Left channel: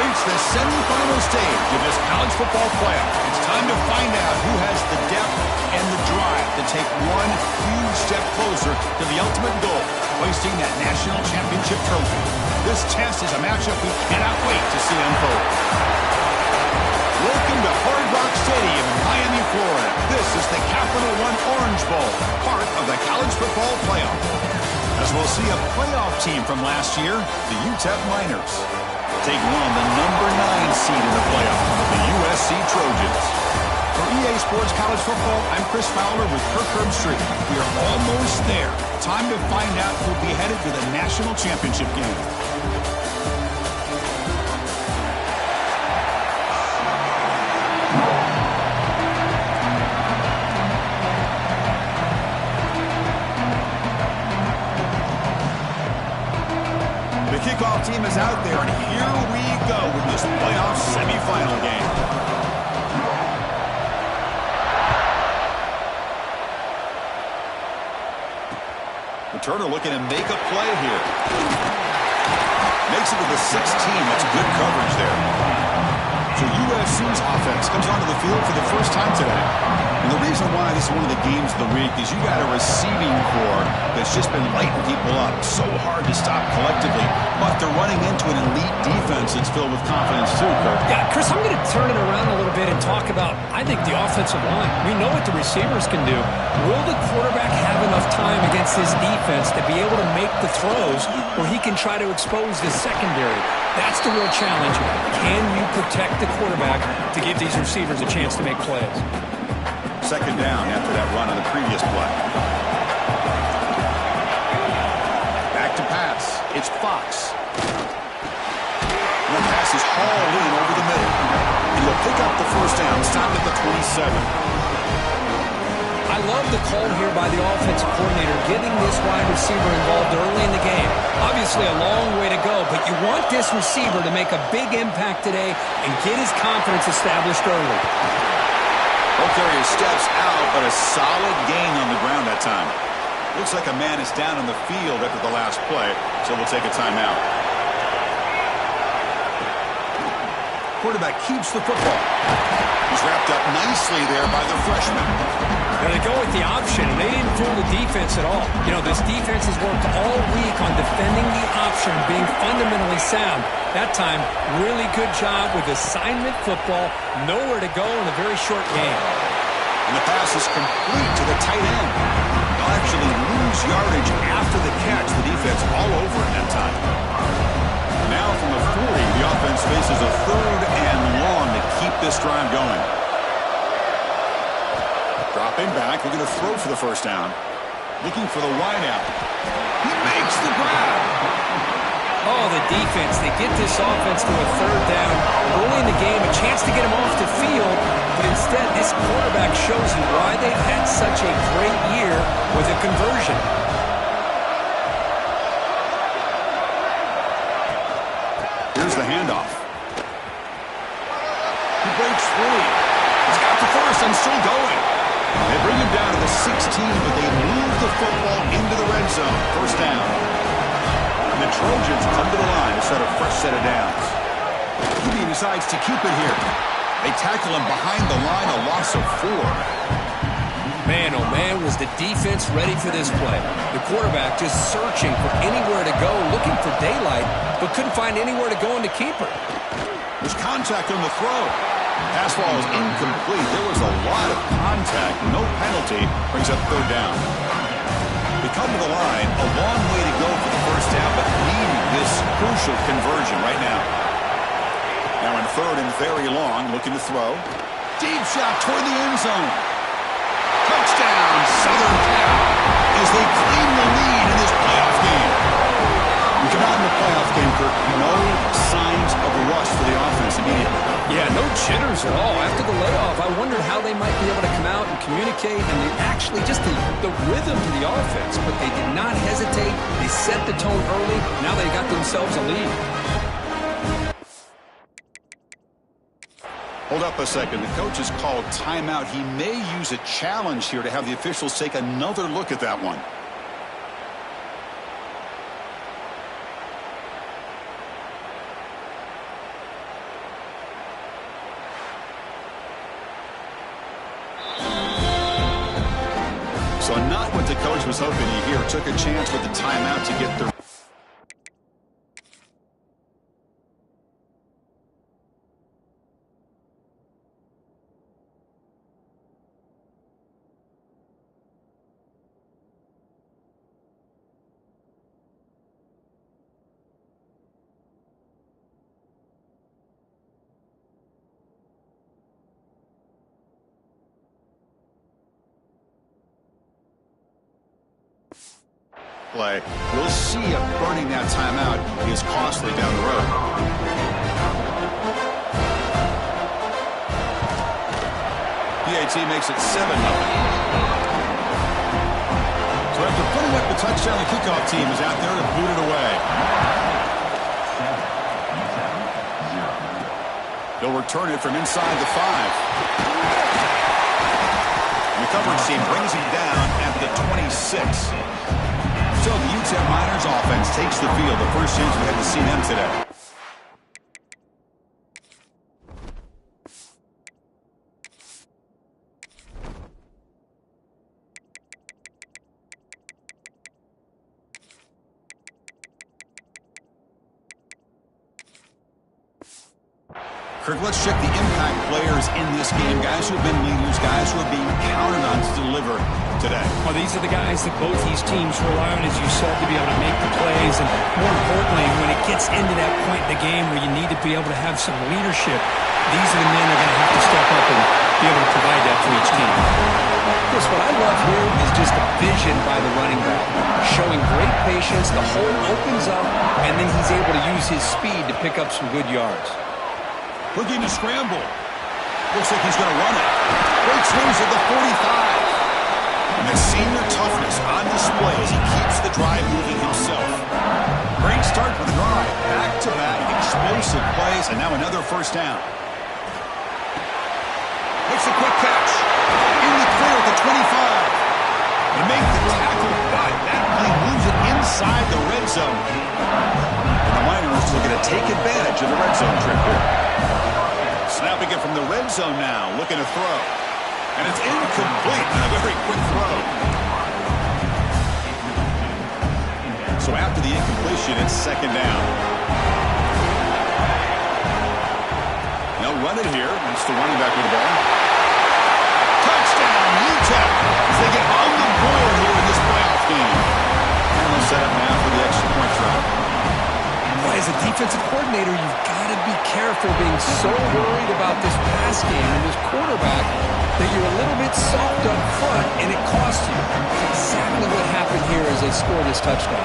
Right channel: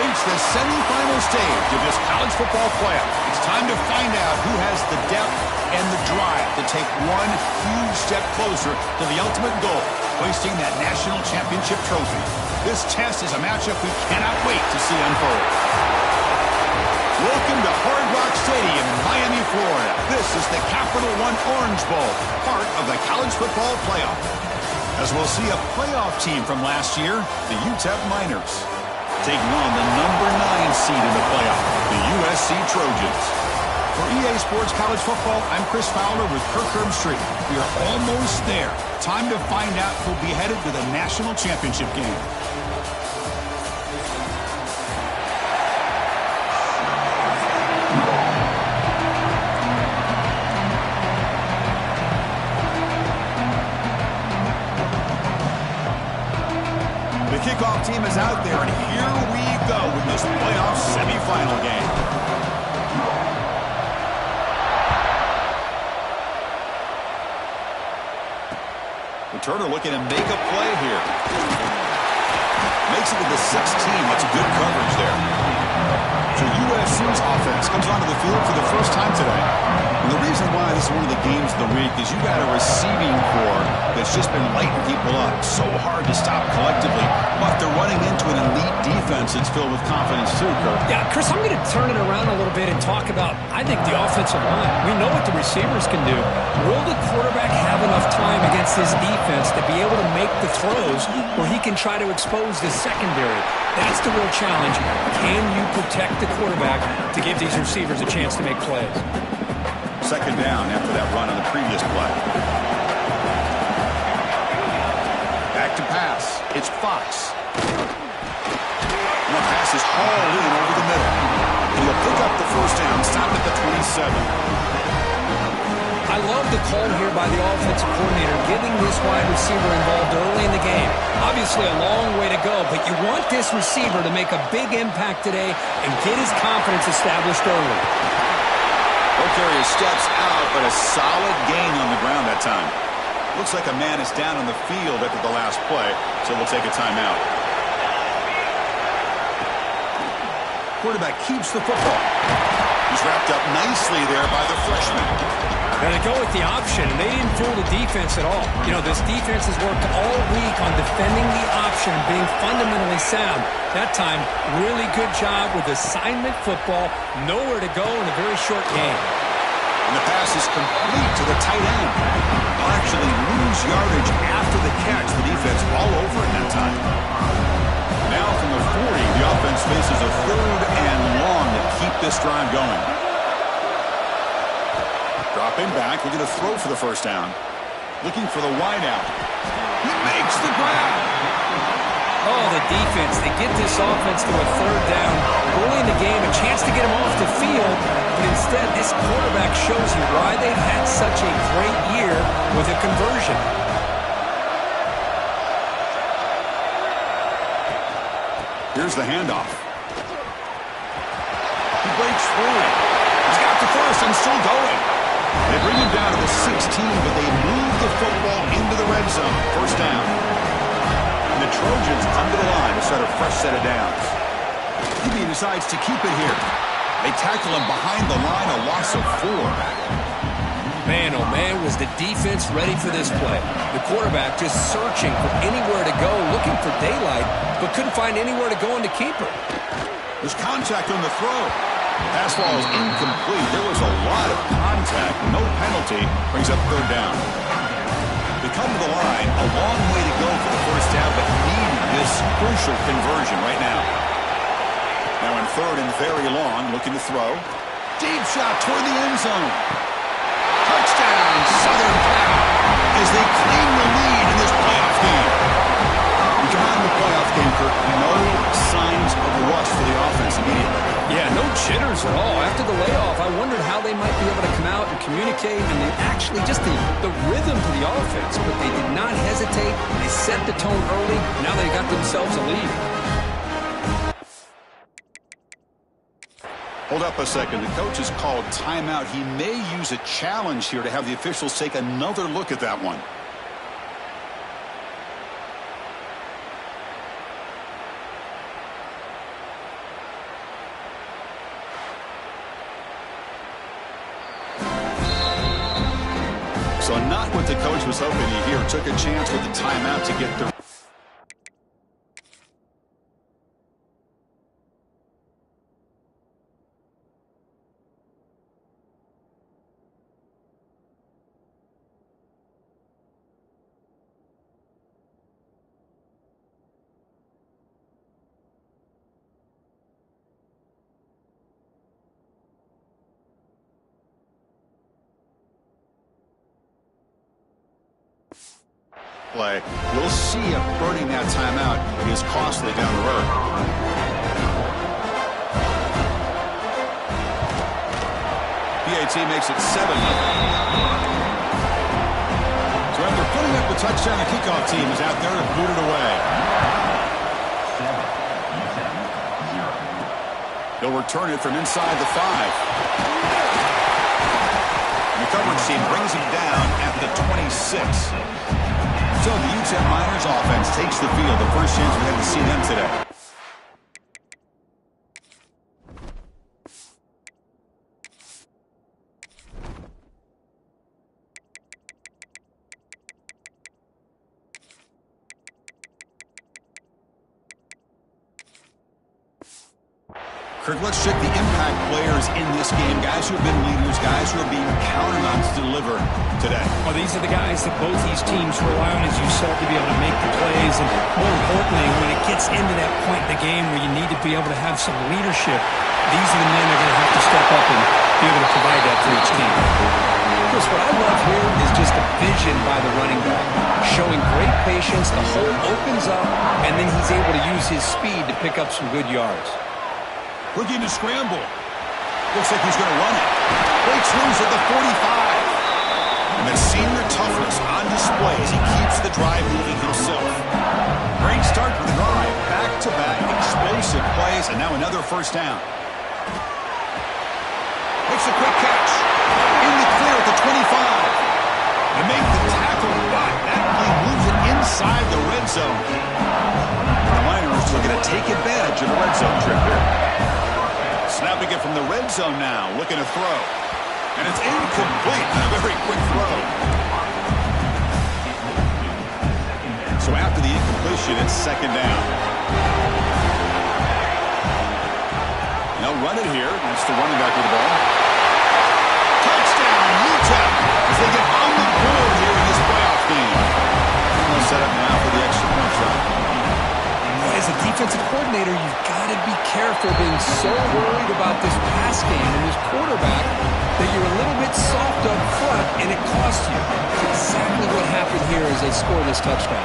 reached the semifinal stage of this college football playoff. It's time to find out who has the depth and the drive to take one huge step closer to the ultimate goal, hoisting that national championship trophy. This test is a matchup we cannot wait to see unfold. Welcome to Hard Rock Stadium in Miami, Florida. This is the Capital One Orange Bowl, part of the college football playoff. As we'll see a playoff team from last year, the UTEP Miners, taking on the number 9 seed in the playoff, the USC Trojans. For EA Sports College Football, I'm Chris Fowler with Kirk Herbstreit. We are almost there. Time to find out who'll be headed to the national championship game. The kickoff team is out there, and here we go with this playoff semifinal game. Returner looking to make a play here. Makes it with the 16. That's good coverage there. So USC's offense comes onto the field for the first time today. And the reason why this is one of the games of the week is you got a receiving corps that's just been lighting people up. So hard to stop collectively, but they're running into an elite defense that's filled with confidence too, Kirk. Yeah, Chris, I'm going to turn it around a little bit and talk about, I think, the offensive line. We know what the receivers can do. Will the quarterback have enough time against his defense to be able to make the throws where he can try to expose the secondary? That's the real challenge. Can you protect the quarterback to give these receivers a chance to make plays? Second down after that run on the previous play. Back to pass. It's Fox. And the pass is hauled in over the middle. And he'll pick up the first down, stop at the 27. I love the call here by the offensive coordinator, getting this wide receiver involved early in the game. Obviously a long way to go, but you want this receiver to make a big impact today and get his confidence established early. Ball carrier steps out, but a solid gain on the ground that time. Looks like a man is down on the field after the last play, so we'll take a timeout. Quarterback keeps the football. He's wrapped up nicely there by the freshman. Now they go with the option, and they didn't fool the defense at all. You know, this defense has worked all week on defending the option, being fundamentally sound. That time, really good job with assignment football. Nowhere to go in a very short game. And the pass is complete to the tight end. They'll actually lose yardage after the catch. The defense all over it that time. Now from the 40, the offense faces a 3rd and long to keep this drive going. Dropping back, looking to throw for the first down. Looking for the wideout. He makes the grab. Oh, the defense. They get this offense to a 3rd down. Early in the game, a chance to get him off the field. But instead, this quarterback shows you why they've had such a great year with a conversion. Here's the handoff. He breaks free. He's got the first and still going. They bring him down to the 16, but they move the football into the red zone. First down. And the Trojans come to the line to start a fresh set of downs. He decides to keep it here. They tackle him behind the line, a loss of 4. Man, oh man, was the defense ready for this play. The quarterback just searching for anywhere to go, looking for daylight, but couldn't find anywhere to go in the keeper. There's contact on the throw. Pass ball is incomplete. There was a lot of contact. No penalty. Brings up 3rd down. They come to the line. A long way to go for the first down, but needing this crucial conversion right now. Now in 3rd and very long, looking to throw. Deep shot toward the end zone. Touchdown, Southern Cal, as they claim the lead in this playoff game. We come out in the playoff game, Kirk. No signs of a rush for the offense immediately. Yeah, no jitters at all. After the layoff, I wondered how they might be able to come out and communicate, and they actually just the rhythm to the offense, but they did not hesitate. They set the tone early. Now they got themselves a lead. Hold up a second. The coach has called timeout. He may use a challenge here to have the officials take another look at that one. So not what the coach was hoping to hear. Took a chance with the timeout to get the play. We'll see if burning that timeout is costly down the road. PAT makes it 7-0. So after putting up the touchdown, the kickoff team is out there to boot it away. 7-0. He'll return it from inside the 5. And the coverage team brings him down at the 26. So the UTEP Miners offense takes the field. The first chance we had to see them today. Kirk, let's check the impact players in this game. Guys who have been leaders, guys who are being counted on to deliver today. Well, these are the guys that both these teams rely on, as you said, to be able to make the plays. And more importantly, when it gets into that point in the game where you need to be able to have some leadership, these are the men that are going to have to step up and be able to provide that for each team. Chris, what I love here is just the vision by the running back, showing great patience. The hole opens up, and then he's able to use his speed to pick up some good yards. Looking to scramble. Looks like he's going to run it. Breaks loose at the 45. And the senior toughness on display as he keeps the drive moving himself. Great start for the drive. Back-to-back explosive plays, and now another first down. Makes a quick catch. In the clear at the 25. To make the tackle, but that play moves it inside the red zone. And the Miners looking to take advantage of the red zone trip here. Snapping it from the red zone now, looking to throw. And it's incomplete on a very quick throw. So after the incompletion, it's second down. They'll run it here. That's the running back with the ball. Touchdown, UTEP, as they get on the board here in this playoff game. And they'll set up now for the extra point try. As a defensive coordinator, you've got to be careful being so worried about this pass game and this quarterback that you're a little bit soft up front, and it costs you. It's exactly what happened here as they score this touchdown.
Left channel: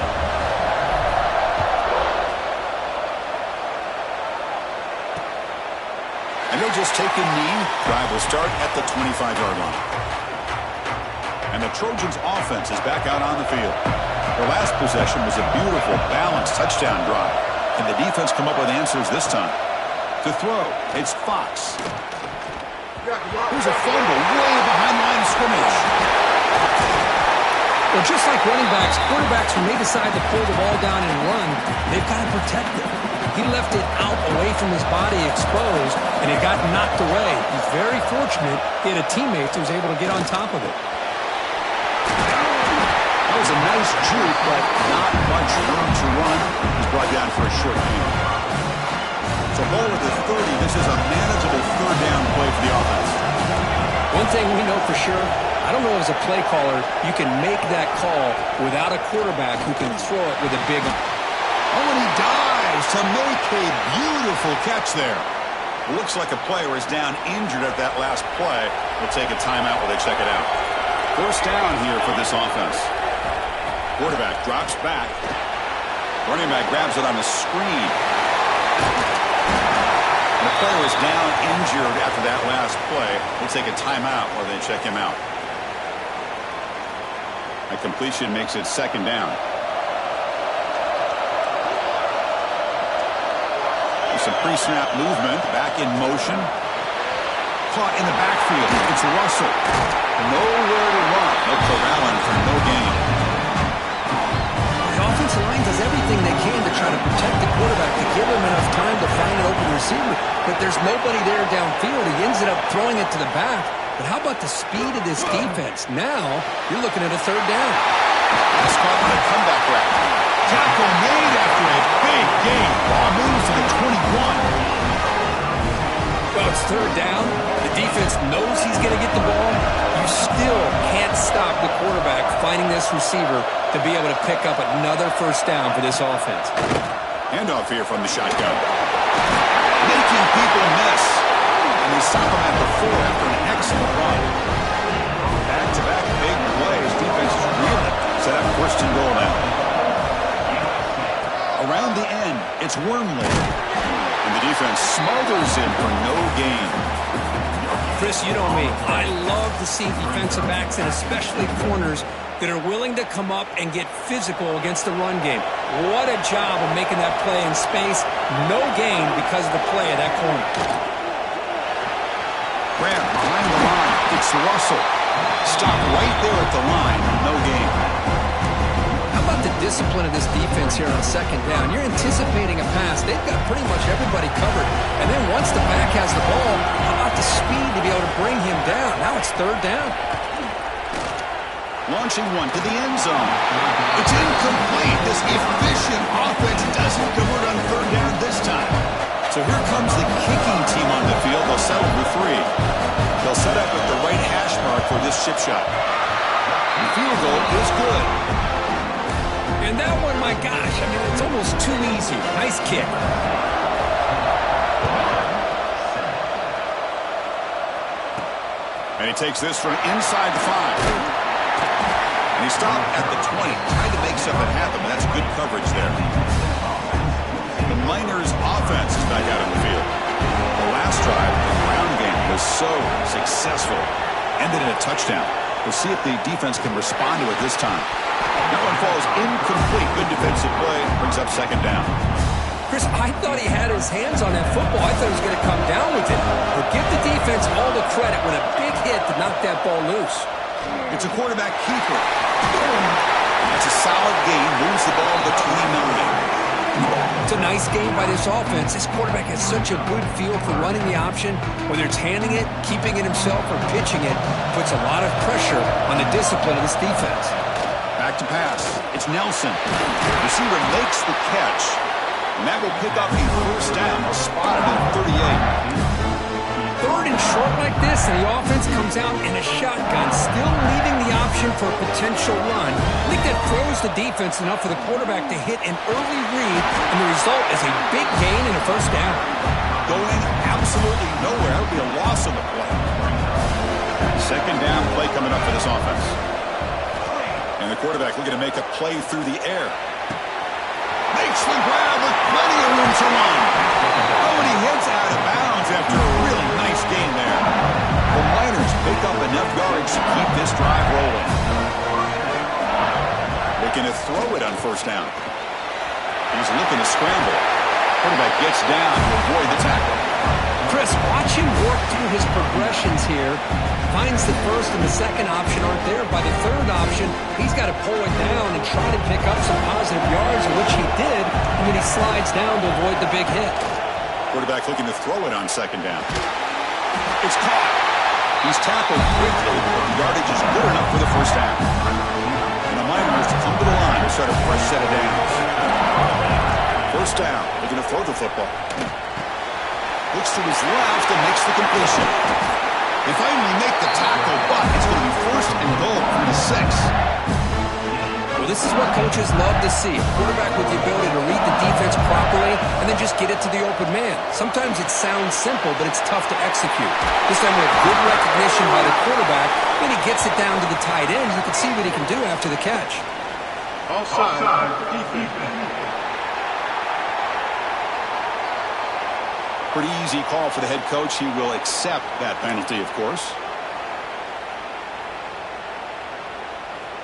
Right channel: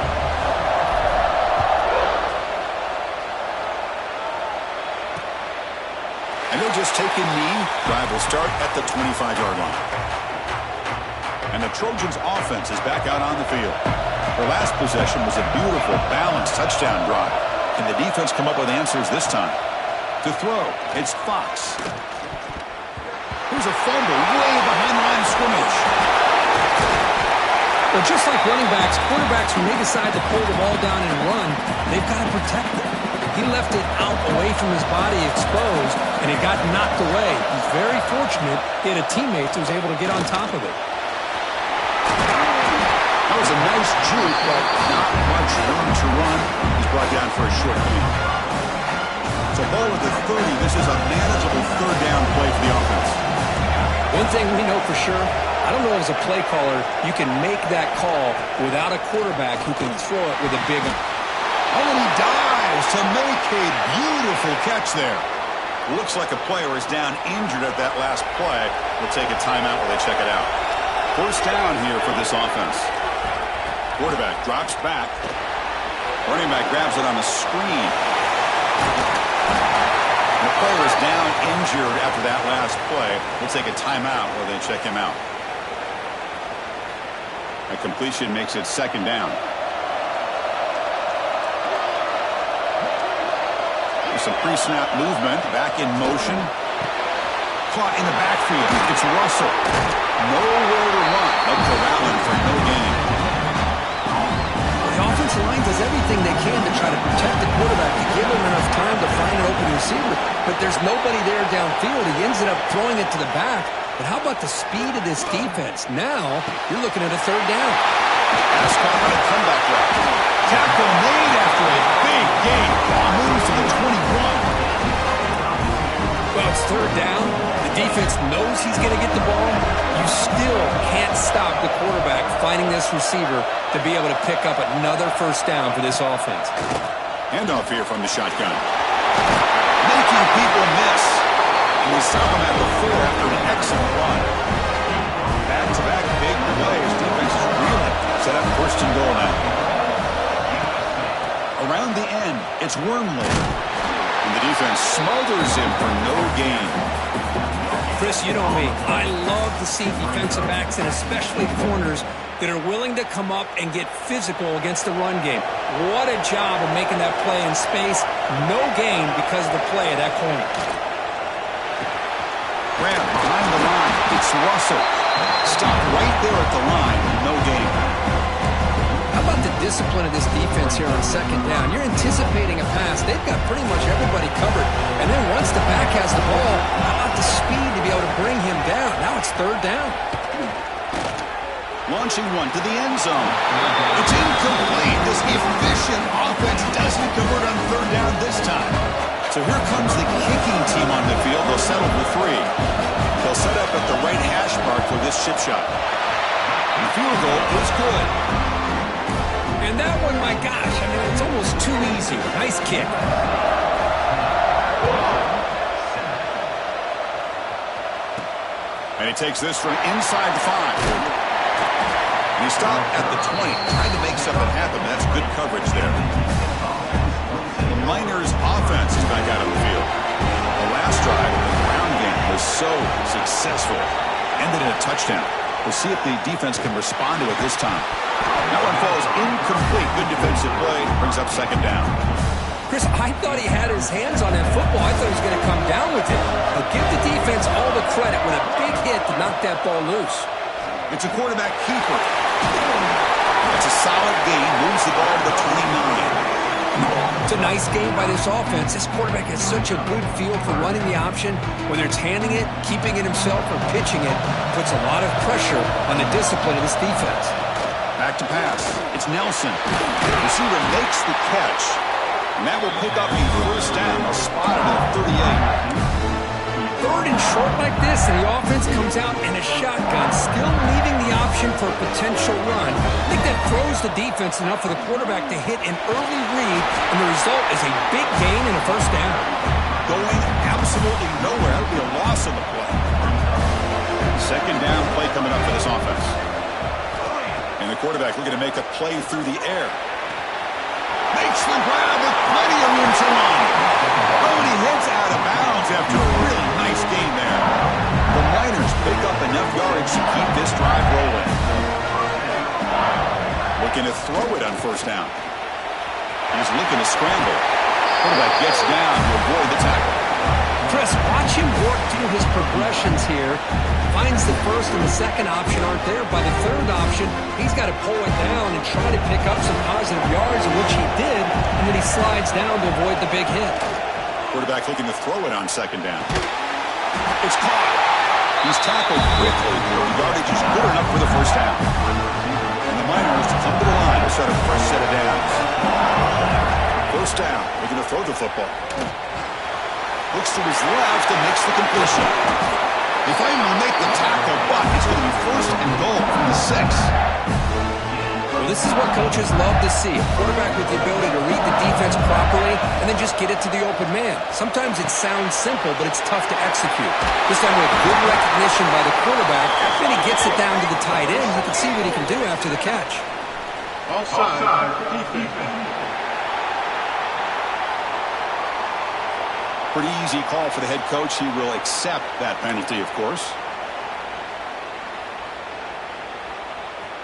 And they'll just take a knee. Drive will start at the 25-yard line. And the Trojans' offense is back out on the field. Their last possession was a beautiful, balanced touchdown drive. Can the defense come up with answers this time? To throw, it's Fox. Here's a fumble way behind the line of scrimmage. Well, just like running backs, quarterbacks, when they decide to pull the ball down and run, they've got to protect it. He left it out away from his body exposed, and it got knocked away. He's very fortunate he had a teammate that was able to get on top of it. That was a nice juke, but not much room to run. He's brought down for a short gain. So ball at the 30. This is a manageable third down play for the offense. One thing we know for sure, I don't know as a play caller, you can make that call without a quarterback who can throw it with a big one. Oh, and he dives to make a beautiful catch there. Looks like a player is down injured at that last play. We'll take a timeout while they check it out. First down here for this offense. Quarterback drops back. Running back grabs it on the screen. And the player is down injured after that last play. We'll take a timeout while they check him out. A completion makes it second down. Some pre-snap movement. Back in motion. Caught in the backfield. It's Russell. Nowhere to run. No corralling for no gain. The offensive line does everything they can to try to protect the quarterback, to give him enough time to find an open receiver, but there's nobody there downfield. He ends up throwing it to the back. But how about the speed of this defense? Now, you're looking at a third down. Pass caught on a comeback route. Tackle made after a big gain. Ball moves to the 21. Well, it's third down. The defense knows he's going to get the ball. You still can't stop the quarterback finding this receiver to be able to pick up another first down for this offense. Handoff here from the shotgun. Making people miss. And they stop him at the 4 after an excellent run. Back-to-back big plays. Defense is reeling. Set up first and goal now. Around the end, it's Wormley. And the defense smothers him for no gain. Chris, you know me. I love to see defensive backs and especially corners that are willing to come up and get physical against the run game. What a job of making that play in space. No gain because of the play of that corner. Graham behind the line. It's Russell. Stopped right there at the line. No gain. How about the discipline of this defense here on second down? You're anticipating a pass. They've got pretty much everybody covered. And then once the back has the ball, how about the speed to be able to bring him down? Now it's third down. Launching one to the end zone. It's incomplete. This efficient offense doesn't convert on third down this time. So here comes the kicking team on the field. They'll settle for 3. They'll set up at the right hash mark for this chip shot. The field goal is good. And that one, my gosh, I mean, it's almost too easy. Nice kick. And he takes this from inside the 5. And he stopped at the 20. Tried to make something happen, but that's good coverage there. The Miners' offense is back out on the field. The last drive, the ground game, was so successful. Ended in a touchdown. We'll see if the defense can respond to it this time. That one falls incomplete. Good defensive play. Brings up second down. Chris, I thought he had his hands on that football. I thought he was going to come down with it. But give the defense all the credit with a big hit to knock that ball loose. It's a quarterback keeper. That's a solid gain. Moves the ball to the 29. It's a nice game by this offense. This quarterback has such a good feel for running the option. Whether it's handing it, keeping it himself, or pitching it, puts a lot of pressure on the discipline of this defense. Back to pass. It's Nelson. Receiver makes the catch. And that will pick up a first down. A spot at the 38. Third and short like this, and the offense comes out in a shotgun, still leaving the option for a potential run. I think that throws the defense enough for the quarterback to hit an early read, and the result is a big gain and a first down. Going absolutely nowhere. That would be a loss on the play. Second down play coming up for this offense. And the quarterback looking to make a play through the air. Makes the grab with plenty of room to run. Oh, and he heads out of bounds after a really nice gain there. The Miners pick up enough yardage to keep this drive rolling. Looking to throw it on first down. He's looking to scramble. Quarterback gets down to avoid the tackle. Chris, watch him work through his progressions here. Finds the first and the second option aren't there. By the third option, he's got to pull it down and try to pick up some positive yards, in which he did, and then he slides down to avoid the big hit. Quarterback looking to throw it on second down. It's caught. He's tackled quickly, but the yardage is good enough for the first down. And the Miners come to the line to start a fresh set of downs. First down, looking to throw the football. Looks to his left and makes the completion. They finally make the tackle, but it's going to be first and goal from the 6. Well, this is what coaches love to see. A quarterback with the ability to read the defense properly and then just get it to the open man. Sometimes it sounds simple, but it's tough to execute. This time we have good recognition by the quarterback. Then he gets it down to the tight end. You can see what he can do after the catch. Offside, defense. Pretty easy call for the head coach. He will accept that penalty, of course.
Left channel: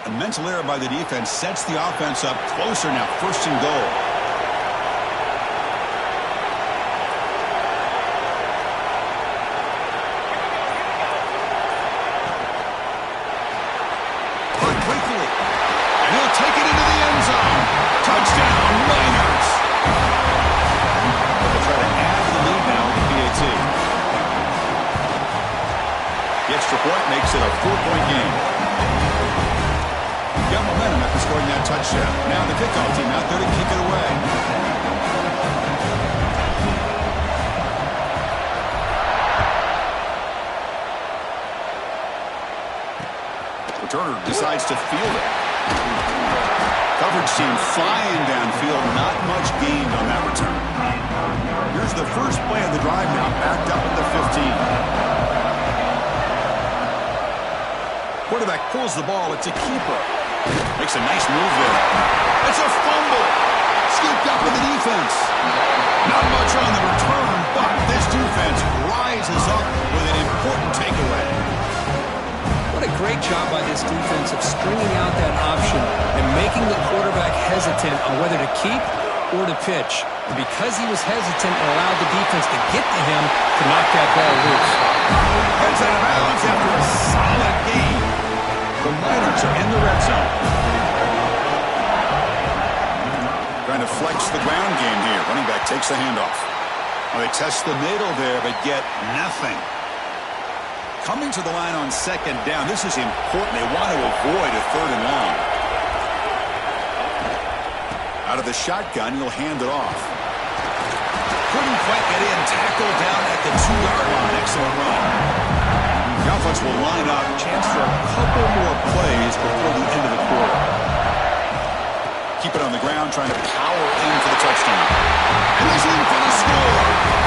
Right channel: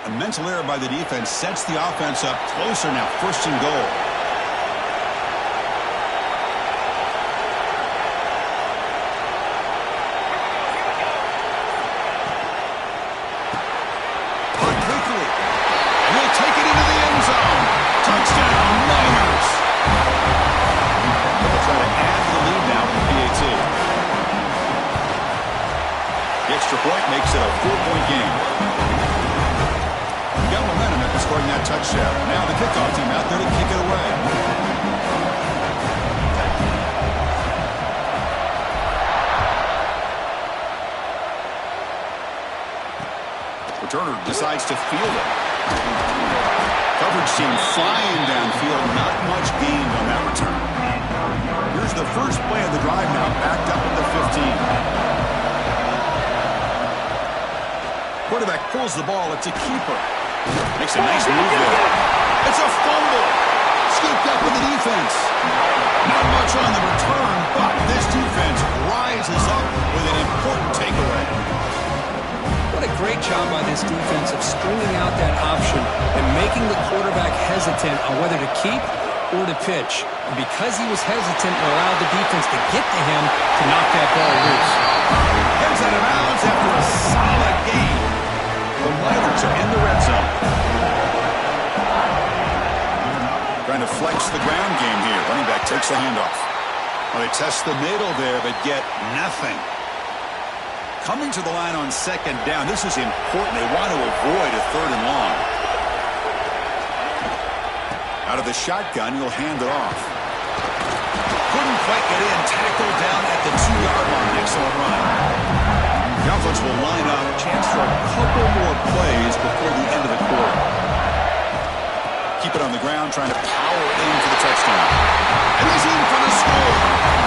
A mental error by the defense sets the offense up closer now. First and goal. Caught quickly. And he'll take it into the end zone. Touchdown, Miners. But they'll try to add to the lead now with the PAT. The extra point makes it a 4-point game. Got momentum after scoring that touchdown. Now the kickoff team out there to kick it away. Returner decides to field it. Coverage team flying downfield. Not much gained on that return. Here's the first play of the drive now, backed up at the 15. Quarterback pulls the ball. It's a keeper. Makes a nice move there. It's a fumble. Scooped up with the defense. Not much on the return, but this defense rises up with an important takeaway. What a great job by this defense of stringing out that option and making the quarterback hesitant on whether to keep or to pitch. And because he was hesitant, it allowed the defense to get to him to knock that ball loose. Heads out of bounds after a solid game. The Miners are in the red zone. Trying to flex the ground game here. Running back takes the handoff. Well, they test the middle there, but get nothing. Coming to the line on second down. This is important. They want to avoid a 3rd and long. Out of the shotgun, he'll hand it off. Couldn't quite get in. Tackled down at the 2-yard line. Excellent run. The offense will line up. Chance for a couple more plays before the end of the quarter. Keep it on the ground, trying to power in for the touchdown. And he's in for the score.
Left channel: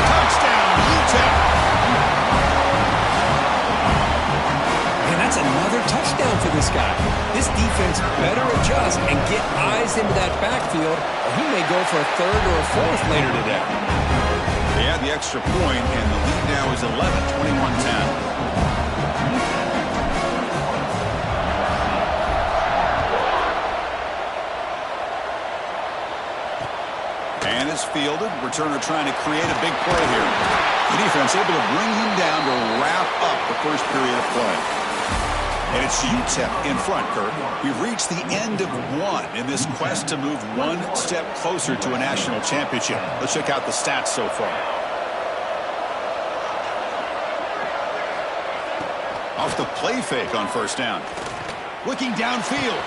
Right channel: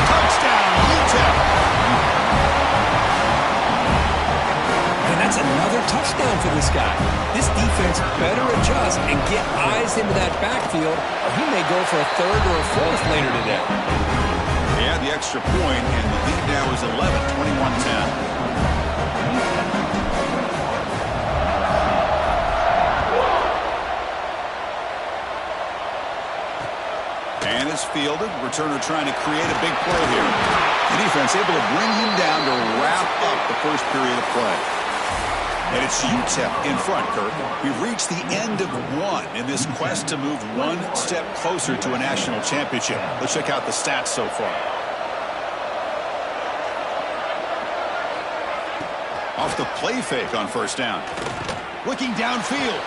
Touchdown, UTEP. And that's another touchdown for this guy. This defense better adjust and get eyes into that backfield, or he may go for a 3rd or a 4th later today. They had the extra point, and the lead now is 11, 21-10. And is fielded. Returner trying to create a big play here. The defense able to bring him down to wrap up the first period of play. And it's UTEP in front, Kirk. We've reached the end of one in this quest to move one step closer to a national championship. Let's check out the stats so far. Off the play fake on first down. Looking downfield.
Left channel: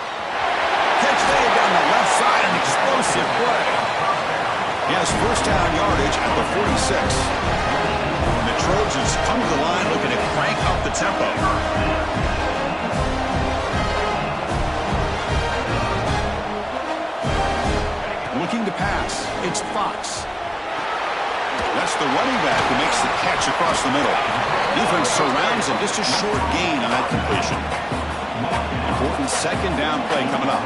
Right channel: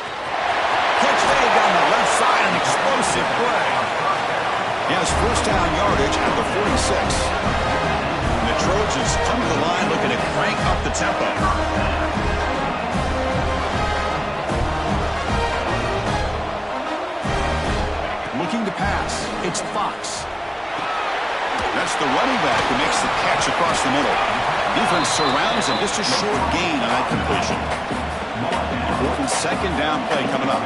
Catch made down the left side, an explosive play. He has first down yardage at the 46. And the Trojans come to the line looking to crank up the tempo. Looking to pass. It's Fox. That's the running back who makes the catch across the middle. Defense surrounds him. Just a short gain on that completion. Important second down play coming up.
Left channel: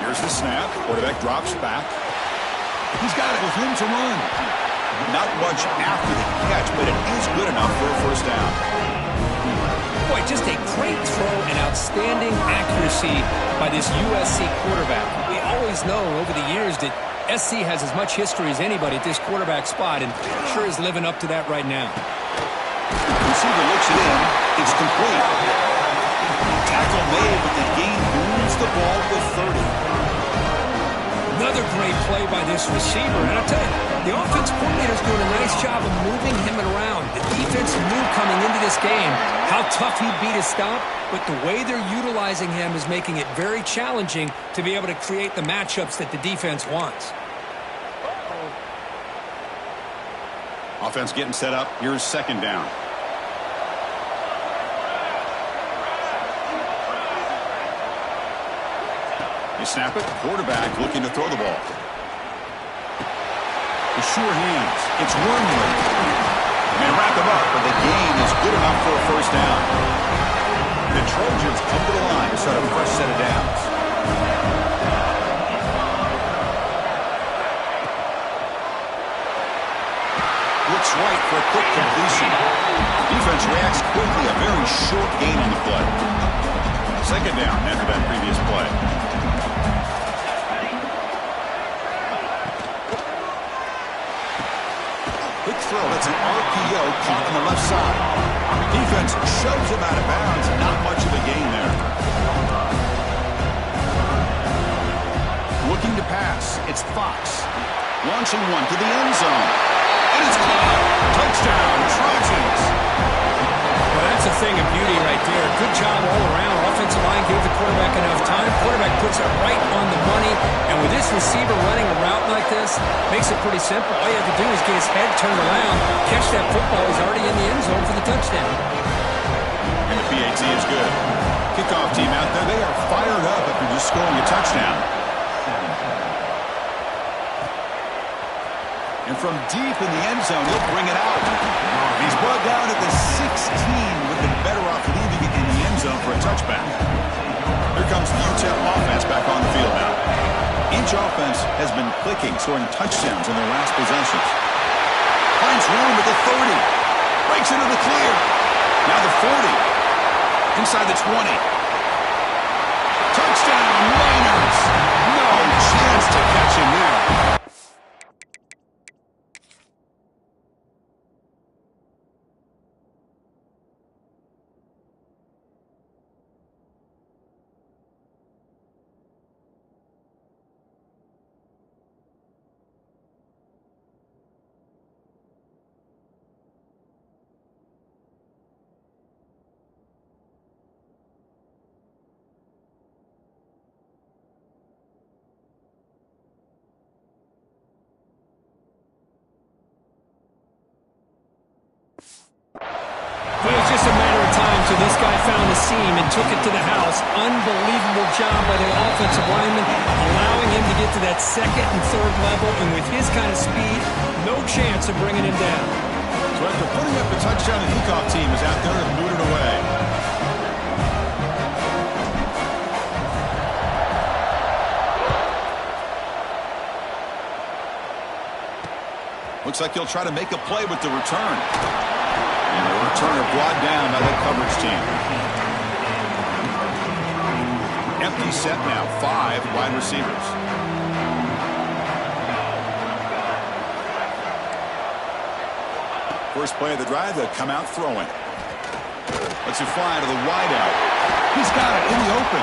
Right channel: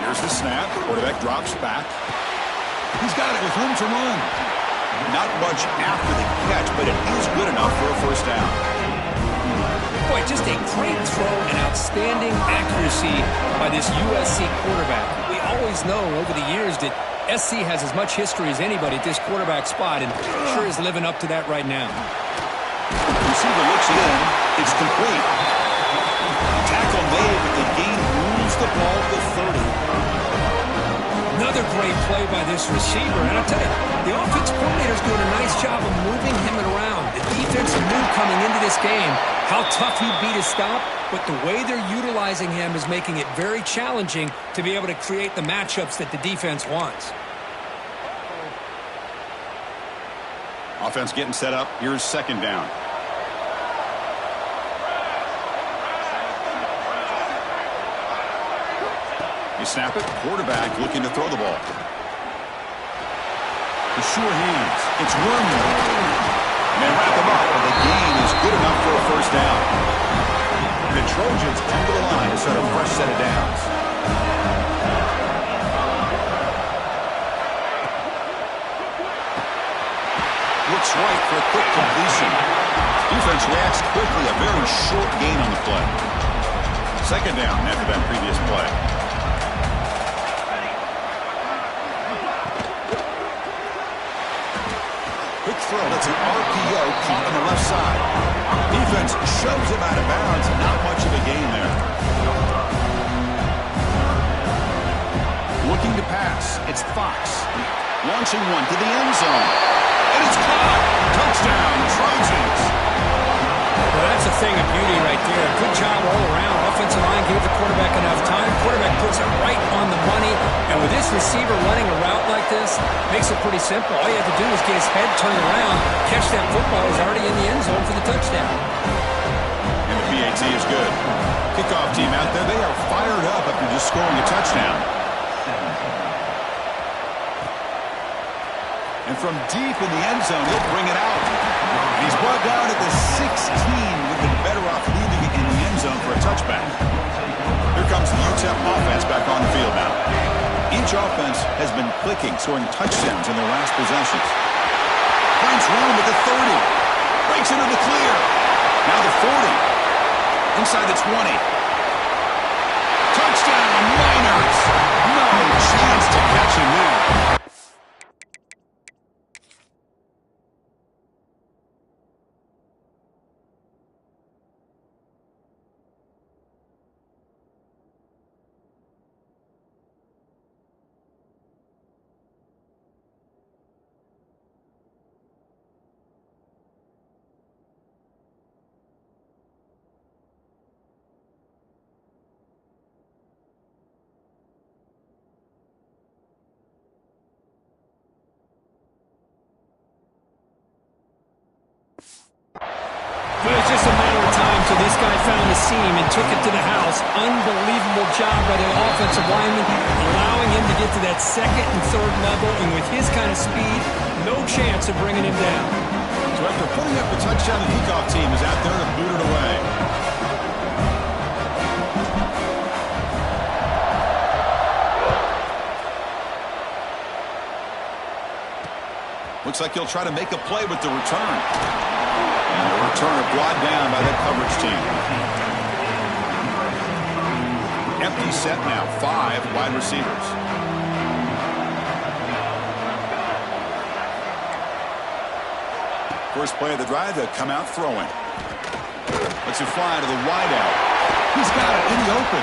Here's the snap. Quarterback drops back. He's got it with room to run. Not much after the catch, but it is good enough for a first down. Boy, just a great throw and outstanding accuracy by this USC quarterback. We always know over the years that SC has as much history as anybody at this quarterback spot, and sure is living up to that right now. Receiver looks it in. It's complete. Tackle made, but the gain moves the ball to 30. Another great play by this receiver. And I'll tell you, the offense coordinator's doing a nice job of moving him around. The defense knew coming into this game how tough he'd be to stop, but the way they're utilizing him is making it very challenging to be able to create the matchups that the defense wants. Offense getting set up. Here's second down. You snap it. Quarterback looking to throw the ball. The sure hands. It's Wormley. And they wrap him up, but the gain is good enough for a first down. And the Trojans come to the line to start a fresh set of downs. Looks right for a quick completion. Defense reacts quickly. A very short gain on the play. Second down after that previous play. Quick throw. That's an RPO caught on the left side. Defense shoves him out of bounds. Not much of a gain there. Looking to pass. It's Fox. Launching one to the end zone. And it's caught. Touchdown, Trojans. Well, that's a thing of beauty right there. Good job all around. Offensive line gave the quarterback enough time. Quarterback puts it right on the money. And with this receiver running a route like this, makes it pretty simple. All you have to do is get his head turned around, catch that football. He's already in the end zone for the touchdown. And the PAT is good. Kickoff team out there, they are fired up after just scoring a touchdown. And from deep in the end zone, he'll bring it out. He's brought down at the 16. Would have been better off leaving it in the end zone for a touchback. Here comes the UTEP offense back on the field now. Each offense has been clicking, scoring touchdowns in their last possessions. Finds room at the 30. Breaks into the clear. Now the 40. Inside the 20. Touchdown, Miners. No chance to catch him there. It was just a matter of time till this guy found a seam and took it to the house. Unbelievable job by the offensive lineman, allowing him to get to that second and third level. And with his kind of speed, no chance of bringing him down. So after putting up a touchdown, the kickoff team is out there to boot it away. Looks like he'll try to make a play with the return. And the returner brought down by that coverage team. Empty set now, 5 wide receivers. First play of the drive, they'll come out throwing. Lets it fly to the wideout. He's got it in the open.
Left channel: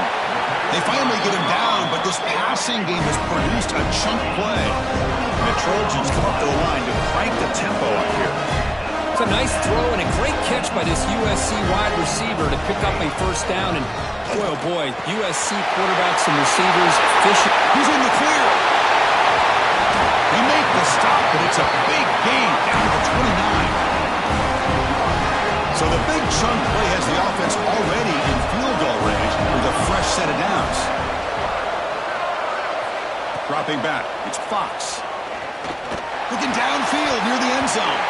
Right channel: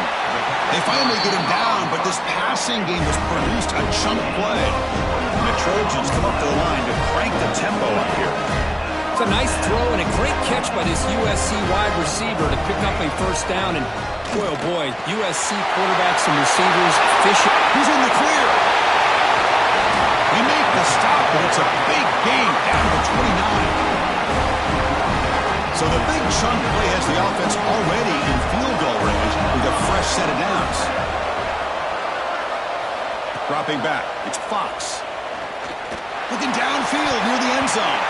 They finally get him down, but this passing game has produced a chunk play. And the Trojans come up to the line to crank the tempo up here. It's a nice throw and a great catch by this USC wide receiver to pick up a first down. And boy, oh boy, USC quarterbacks and receivers efficient. He's in the clear. They make the stop, but it's a big gain down to the 29. So the big chunk play has the offense already in field goal range with a fresh set of downs. Dropping back, it's Fox. Looking downfield near the end zone.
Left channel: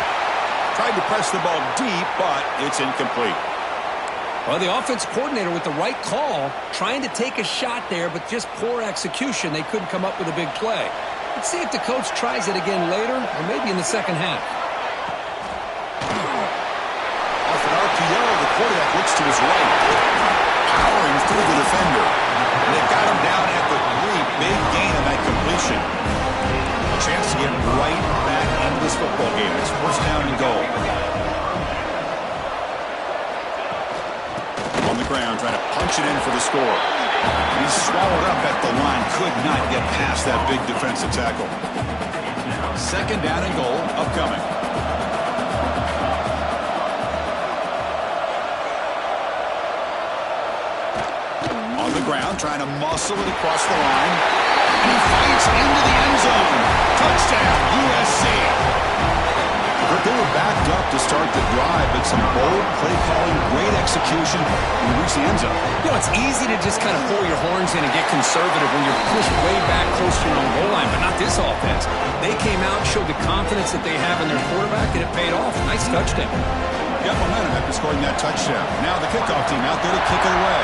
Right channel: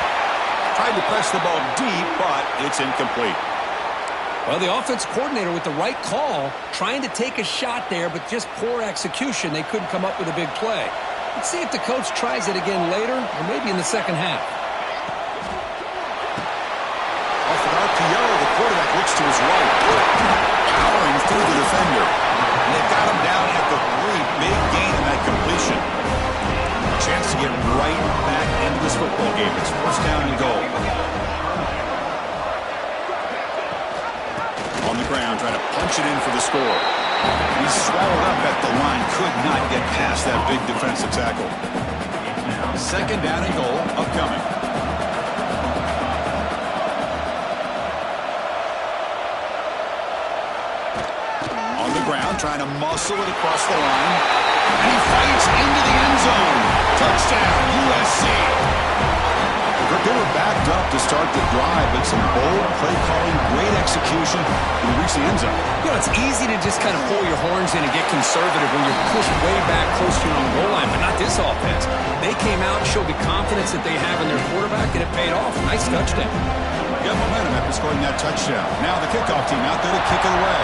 Tried to press the ball deep, but it's incomplete. Well, the offense coordinator with the right call, trying to take a shot there, but just poor execution. They couldn't come up with a big play. Let's see if the coach tries it again later, or maybe in the second half. Off an RPO, the quarterback looks to his right. Powering through the defender. And they've got him down at the 3. Big gain in that completion. A chance to get right back into this football game. It's first down and goal. On the ground, trying to punch it in for the score. He's swallowed up at the line. Could not get past that big defensive tackle. Second down and goal upcoming. On the ground, trying to muscle it across the line. And he fights into the end zone. Touchdown, USC. They were backed up to start the drive, but some bold play calling, great execution, and we reach the end zone. You know, it's easy to just kind of pull your horns in and get conservative when you're pushed way back close to your own goal line, but not this offense. They came out, showed the confidence that they have in their quarterback, and it paid off. Nice touchdown. Got momentum after scoring that touchdown. Now the kickoff team out there to kick it away.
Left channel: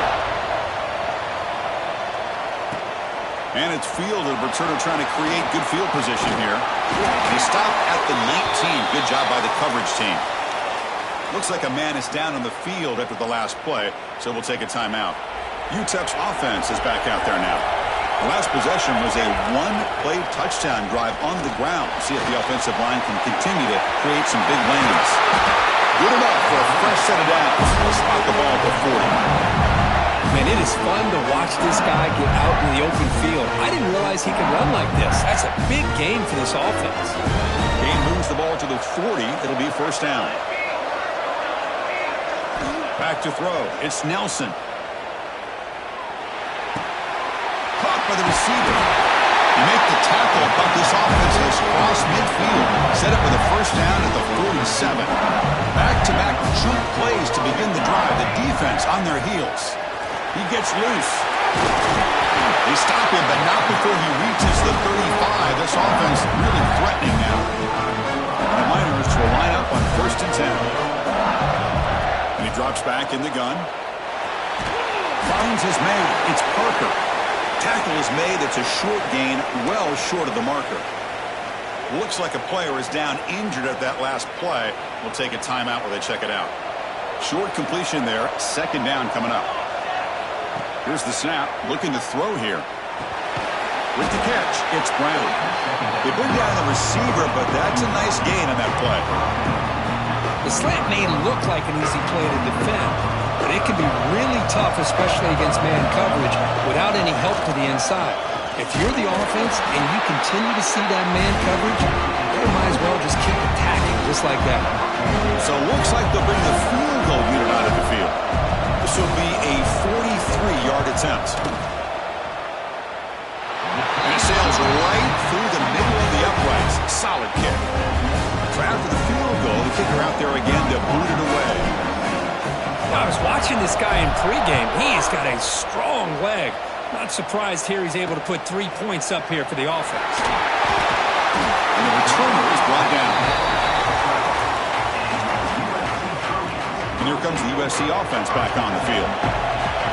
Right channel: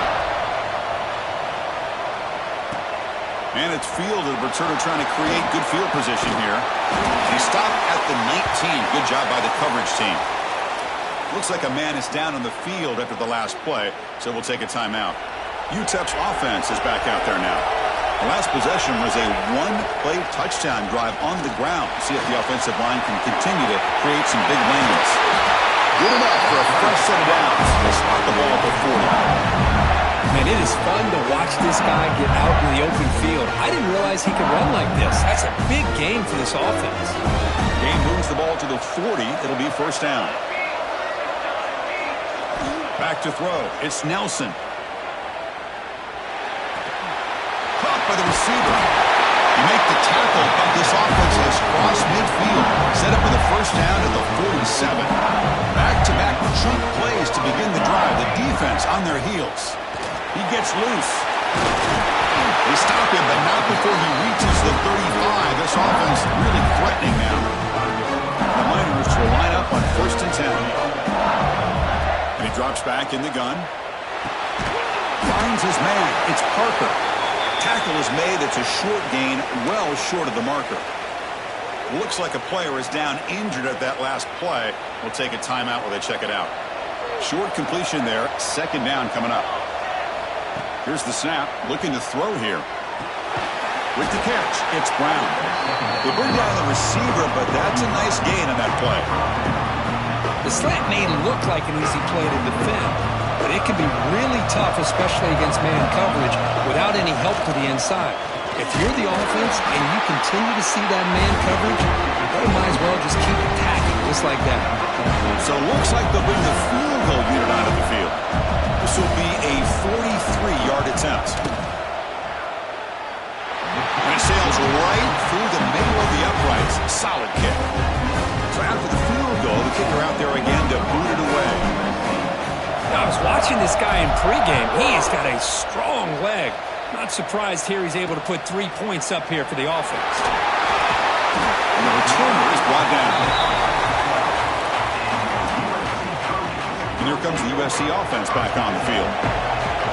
And it's fielded. Returner trying to create good field position here. And he stopped at the 19. Good job by the coverage team. Looks like a man is down on the field after the last play, so we'll take a timeout. UTEP's offense is back out there now. The last possession was a one-play touchdown drive on the ground. See if the offensive line can continue to create some big lanes. Good enough for a fresh set of downs. They'll spot the ball at the 40. Man, it is fun to watch this guy get out in the open field. I didn't realize he could run like this. That's a big game for this offense. Gain moves the ball to the 40. It'll be first down. Back to throw. It's Nelson. Caught by the receiver. You make the tackle, but this offense has crossed midfield. Set up with a first down at the 47. Back-to-back chunk plays to begin the drive. The defense on their heels. He gets loose. They stop him, but not before he reaches the 35. This offense really threatening now. And the Miners will line up on 1st and 10. And he drops back in the gun. Finds his man. It's Parker. Tackle is made. It's a short gain, well short of the marker. Looks like a player is down injured at that last play. We'll take a timeout while they check it out. Short completion there. 2nd down coming up. Here's the snap. Looking to throw here. With the catch, it's Brown. They bring down the receiver, but that's a nice gain on that play. The slant may look like an easy play to defend, but it can be really tough, especially against man coverage, without any help to the inside. If you're the offense and you continue to see that man coverage, they might as well just keep attacking just like that. So it looks like they'll bring the field goal unit onto the field. This will be a 43-yard attempt. And it sails right through the middle of the uprights. Solid kick. So after the field goal, the kicker out there again to boot it away. I was watching this guy in pregame. He has got a strong leg. Not surprised here he's able to put 3 points up here for the offense. And the returner is brought down. And here comes the USC offense back on the field.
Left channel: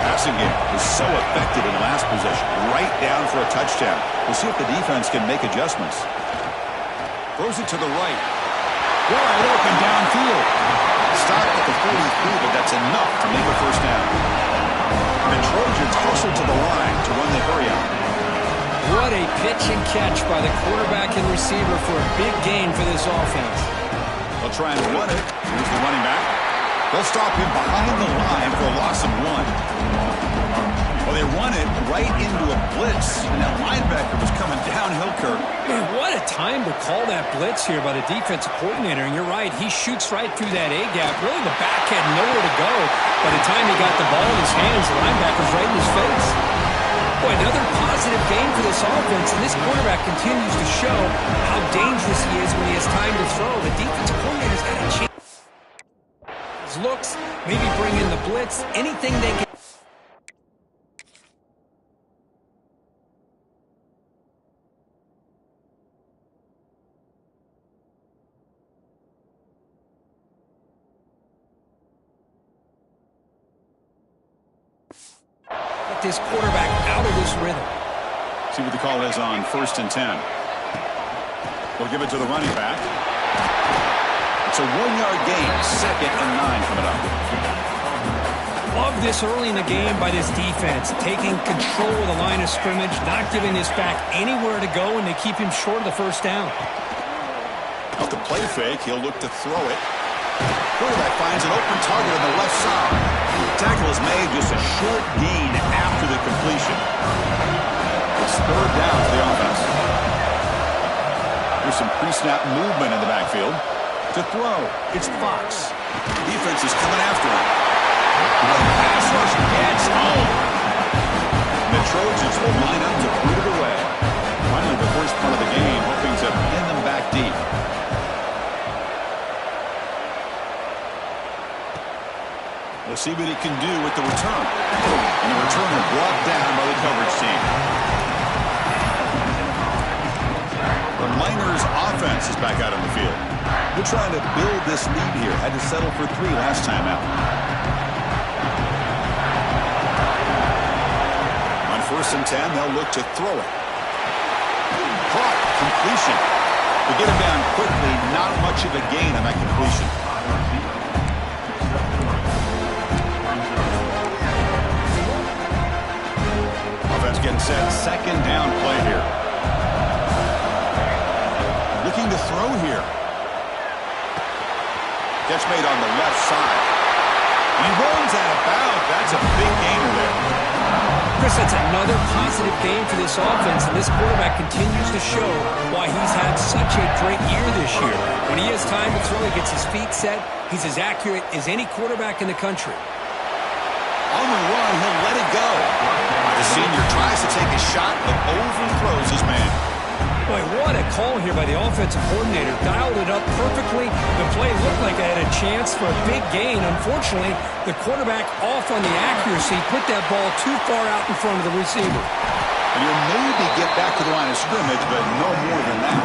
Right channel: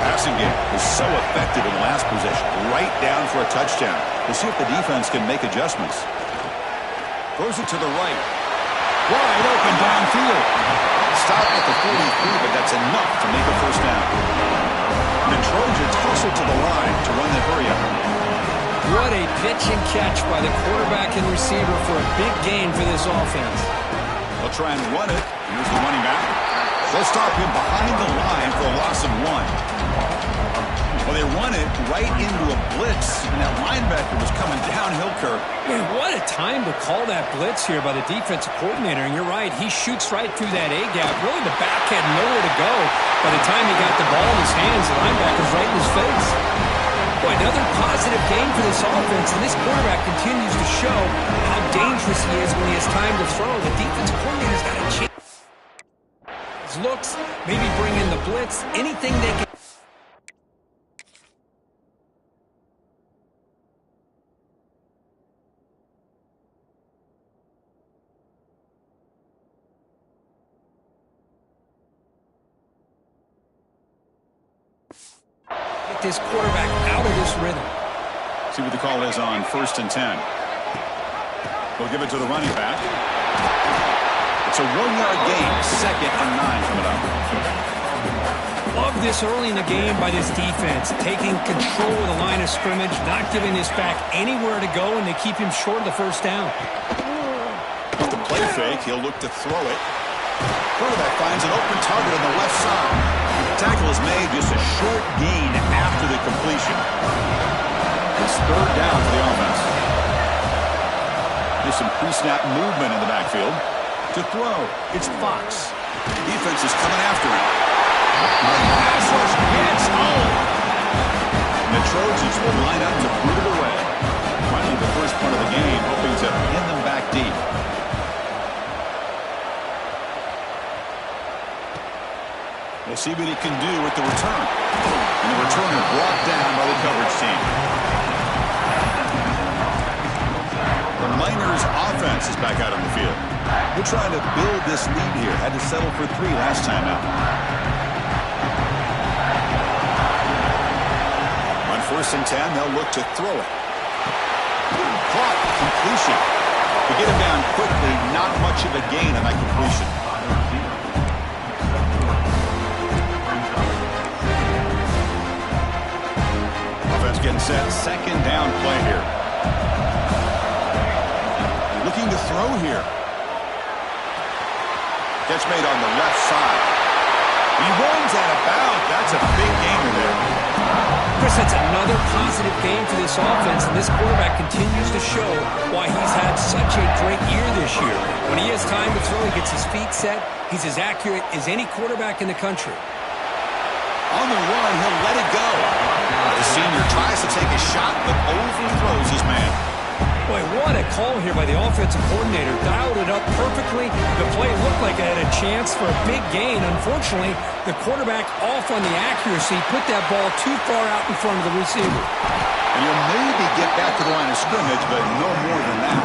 Passing game was so effective in the last possession. Right down for a touchdown. We'll see if the defense can make adjustments. Throws it to the right. Wide open downfield. Stop at the 43, but that's enough to make a first down. The Trojans hustle to the line to run the hurry up. What a pitch and catch by the quarterback and receiver for a big gain for this offense. They'll try and run it. Here's the running back. They'll stop him behind the line for a loss of 1. Well, they run it right into a blitz, and that linebacker was coming downhill, Kirk. Man, what a time to call that blitz here by the defensive coordinator. And you're right, he shoots right through that A-gap. Really, the back had nowhere to go. By the time he got the ball in his hands, the linebacker's right in his face. Boy, another positive game for this offense, and this quarterback continues to show how dangerous he is when he has time to throw. The defensive coordinator's got a chance. Looks, maybe bring in the blitz, anything they can. Get this quarterback out of this rhythm. See what the call is on 1st and 10. They'll give it to the running back. It's a 1-yard gain. 2nd and 9 coming up. Love this early in the game by this defense. Taking control of the line of scrimmage, not giving this back anywhere to go, and they keep him short of the first down. Off the play fake, he'll look to throw it. Quarterback finds an open target on the left side. Tackle is made, just a short gain after the completion. It's 3rd down for the offense. There's some pre-snap movement in the backfield. To throw, it's Fox. Defense is coming after him. The pass rush gets home. And the Trojans will line up to boot it away. Finally, the first punt of the game, hoping to pin them back deep. We'll see what he can do with the return. And the returner brought down by the coverage team. The Miners offense is back out on the field. They're trying to build this lead here. Had to settle for 3 last time out. On 1st and 10, they'll look to throw it. Caught. Completion. To get him down quickly, not much of a gain on that completion. Offense getting set. 2nd down play here. Looking to throw here. Catch made on the left side. He runs out of bounds. That's a big gainer there. Chris, that's another positive game for this offense, and this quarterback continues to show why he's had such a great year this year. When he has time to throw, he gets his feet set. He's as accurate as any quarterback in the country. On the run, he'll let it go. The senior tries to take a shot, but overthrows his man. Boy, what a call here by the offensive coordinator. Dialed it up perfectly. The play looked like it had a chance for a big gain. Unfortunately, the quarterback off on the accuracy, put that ball too far out in front of the receiver. And you'll maybe get back to the line of scrimmage, but no more than that.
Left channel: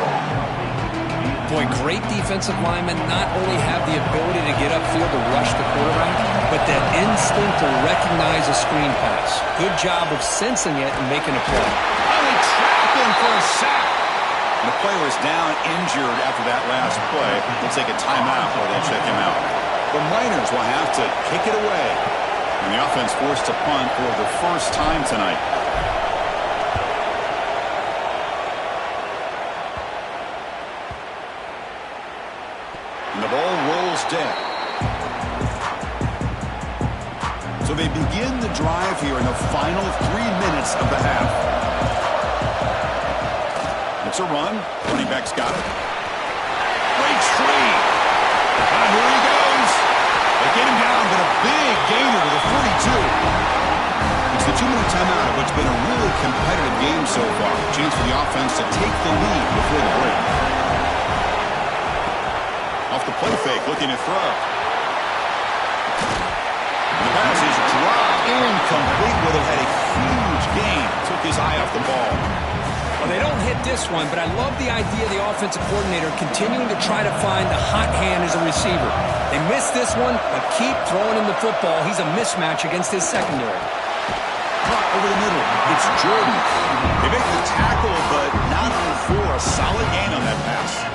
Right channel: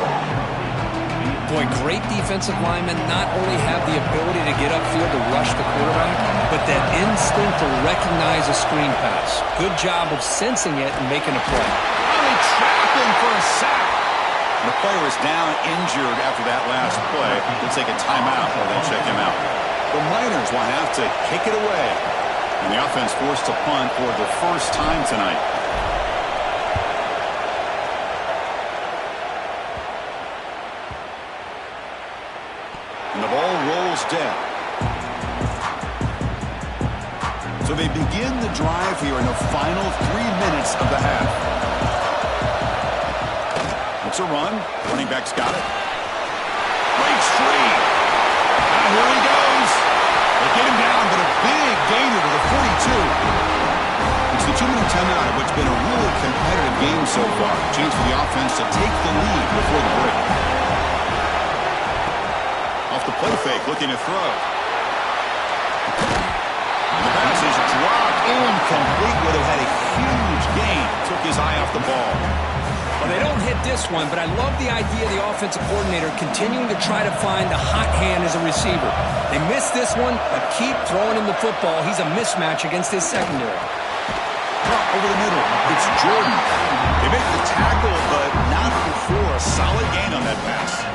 Boy, great defensive linemen not only have the ability to get upfield to rush the quarterback, but that instinct to recognize a screen pass. Good job of sensing it and making a play. Oh, they trap him for a sack. And the player is down injured after that last play. They'll take a timeout while they check him out. The Miners will have to kick it away. And the offense forced to punt for the first time tonight. And the ball rolls dead. So they begin the drive here in the final 3 minutes of the half. It's a run. Running back's got it. Breaks free. Now here he goes. They get him down, but a big gainer to the 42. It's the 2-minute timeout of what's been a really competitive game so far. Chance for the offense to take the lead before the break. Off the play fake, looking to throw. And the pass is dropped incomplete. Would have had a huge gain. Took his eye off the ball. Well, they don't hit this one, but I love the idea of the offensive coordinator continuing to try to find the hot hand as a receiver. They missed this one, but keep throwing him the football. He's a mismatch against his secondary. Drop over the middle. It's Jordan. They make the tackle, but not before a solid gain on that pass.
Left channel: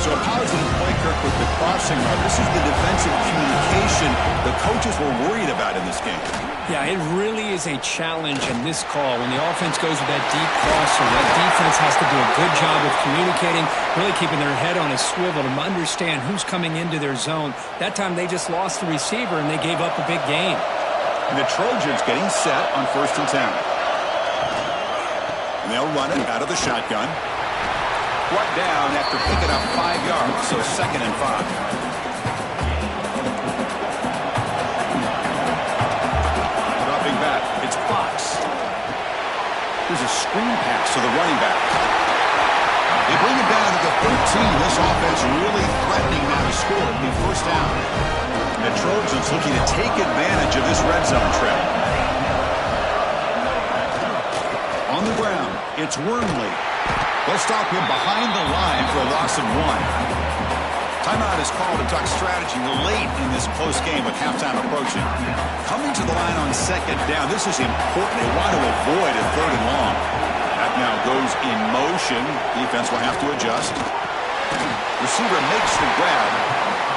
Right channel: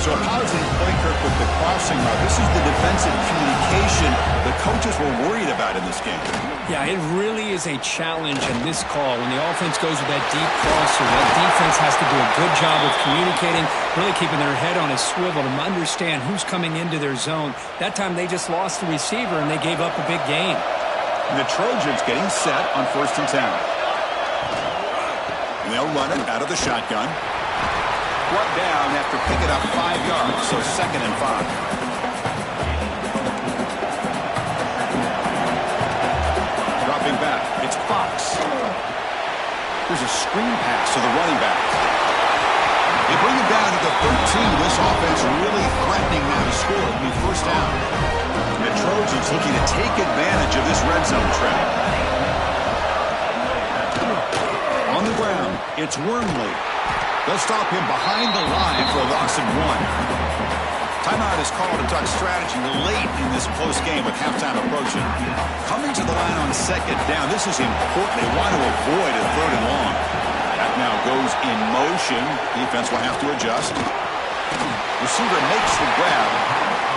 So a positive play, Kirk, with the crossing route. This is the defensive communication the coaches were worried about in this game. Yeah, it really is a challenge in this call. When the offense goes with that deep crosser, that defense has to do a good job of communicating, really keeping their head on a swivel to understand who's coming into their zone. That time they just lost the receiver and they gave up a big gain. And the Trojans getting set on 1st and 10. And they'll run it out of the shotgun. Brought down after picking up 5 yards, so 2nd and 5. Dropping back, it's Fox. There's a screen pass to the running back. They bring it down to the 13. This offense really threatening now to score. It'll be 1st down. And the Trojans looking to take advantage of this red zone trap. On the ground, it's Wormley. They'll stop him behind the line for a loss of 1. Timeout is called to talk strategy late in this close game with halftime approaching. Coming to the line on 2nd down, this is important. They want to avoid a 3rd and long. That now goes in motion. Defense will have to adjust. Receiver makes the grab.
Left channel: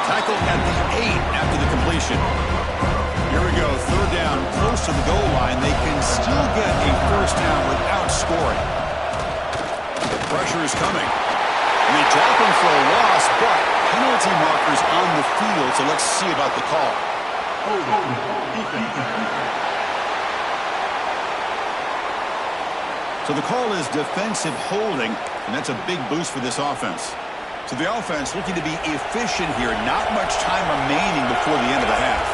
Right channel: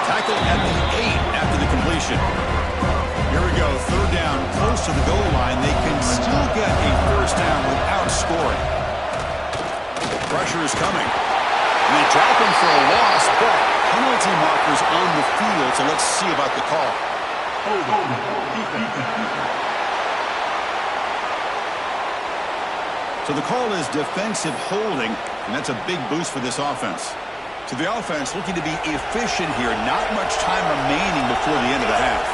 Tackled at the 8 after the completion. Here we go, 3rd down, close to the goal line. They can still get a 1st down without scoring. Pressure is coming. And they drop him for a loss, but penalty markers on the field, so let's see about the call. So the call is defensive holding, and that's a big boost for this offense. So the offense looking to be efficient here. Not much time remaining before the end of the half.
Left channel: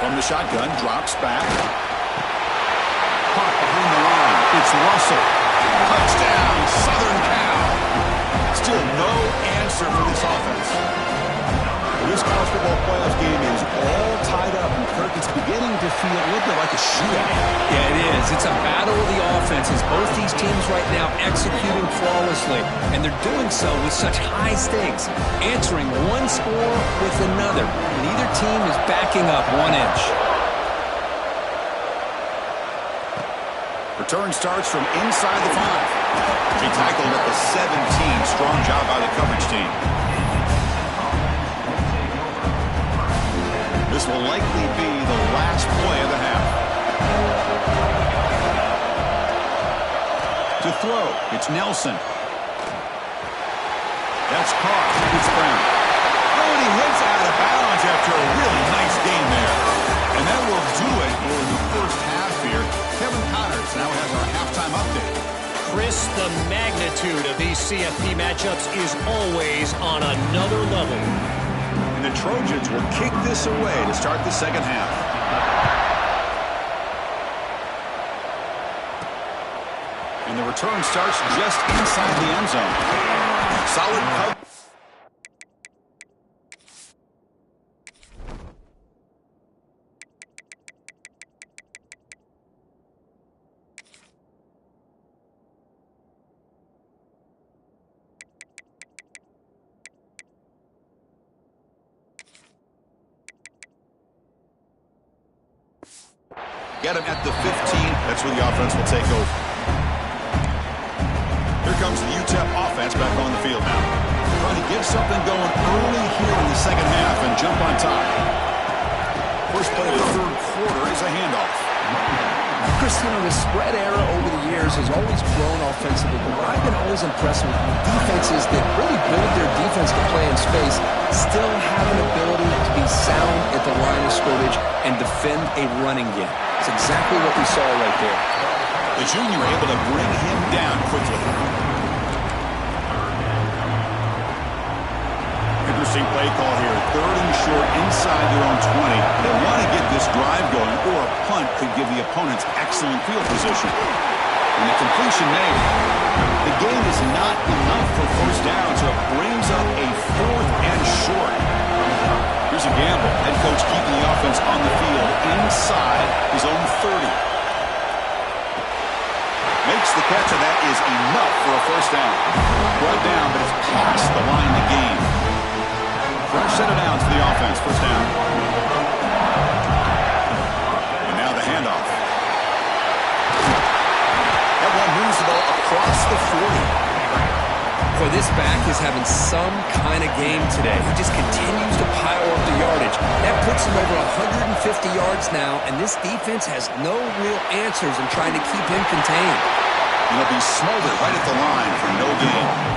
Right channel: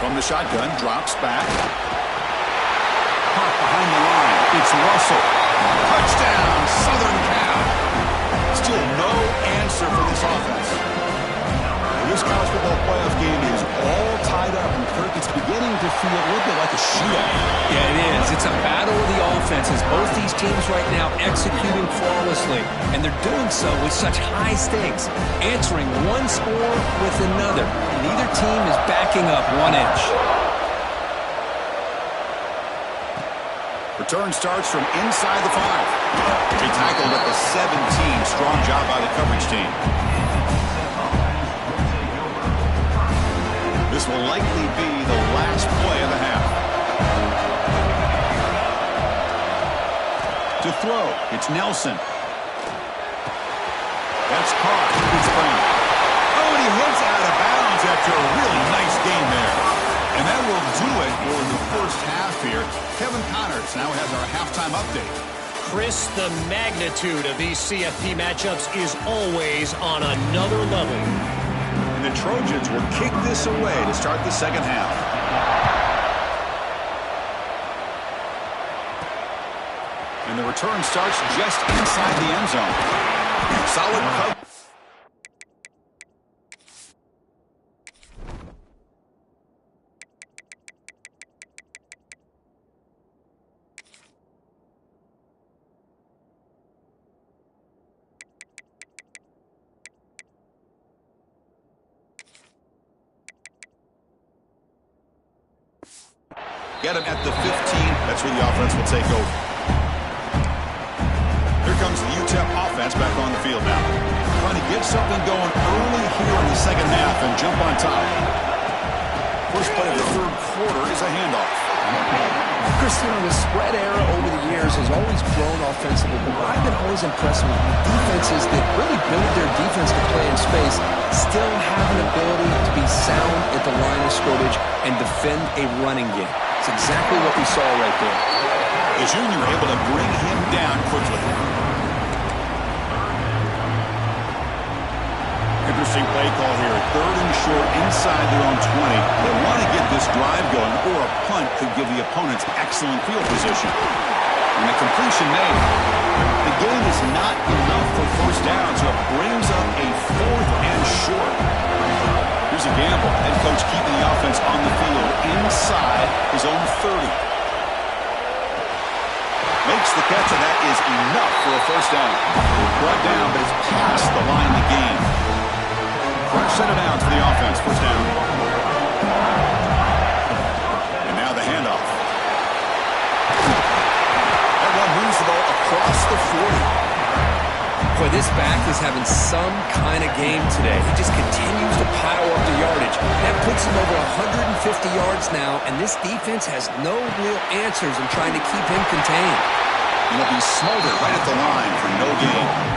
From the shotgun, drops back. Caught behind the line. It's Russell. Touchdown, Southern Cal. Still no answer for this offense. This college football playoff game is all tied up, and Kirk, it's beginning to feel a little bit like a shootout. Yeah, it is. It's a battle of the offenses. Both these teams right now executing flawlessly, and they're doing so with such high stakes, answering one score with another. Neither team is backing up 1 inch. Return starts from inside the 5. They tackled at the 17. Strong job by the coverage team. This will likely be the last play of the half. To throw, it's Nelson. That's caught. It's Brown. Oh, Oh, and he hits out of bounds after a really nice game there. And that will do it for the first half here. Kevin Connors now has our halftime update. Chris, the magnitude of these CFP matchups is always on another level. And the Trojans will kick this away to start the second half. And the return starts just inside the end zone. Solid cover. Get him at the 15. That's where the offense will take over. Here comes the UTEP offense back on the field now. Trying to get something going early here in the second half and jump on top. First play of the third quarter is a handoff. Chris, the spread era over the years has always grown offensively, but what I've been always impressed with defenses that really build their defense to play in space still have an ability to be sound at the line of scrimmage and defend a running game. It's exactly what we saw right there. The junior able to bring him down quickly. Interesting play call here. Third and short inside their own 20. They want to get this drive going, or a punt could give the opponents excellent field position. And the completion made. The gain is not enough for first down, so it brings up a fourth and short. Here's a gamble. Head coach keeping the offense on the field inside his own 30. Makes the catch, and that is enough for a first down. Brought down, but it's past the line to gain. Fresh set of downs for the offense. First down. And now the handoff. That one moves the ball across the 40. Boy, this back is having some kind of game today. He just continues to pile up the yardage. That puts him over 150 yards now, and this defense has no real answers in trying to keep him contained. He'll be smothered right at the line for no gain.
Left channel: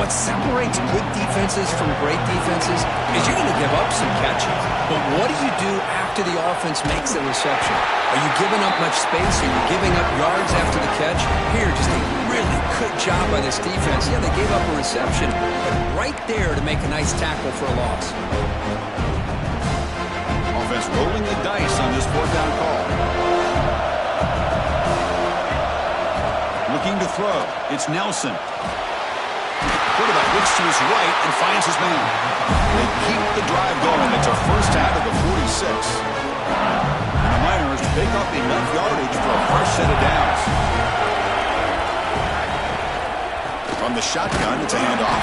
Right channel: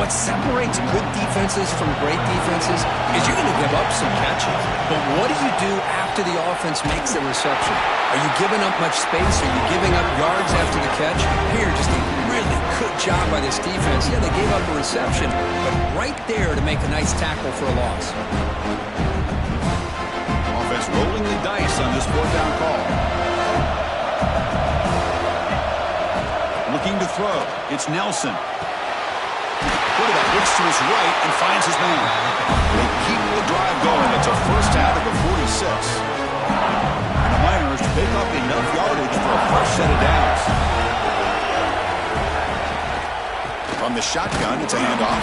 What separates good defenses from great defenses is you're going to give up some catches. But what do you do after the offense makes the reception? Are you giving up much space? Are you giving up yards after the catch? Here, just a really good job by this defense. Yeah, they gave up a reception, but right there to make a nice tackle for a loss. Offense rolling the dice on this fourth down call. Looking to throw. It's Nelson. Quarterback looks to his right and finds his man. They keep the drive going. It's a first out of the 46. And the Miners pick up enough yardage for a fresh set of downs. From the shotgun, it's a handoff.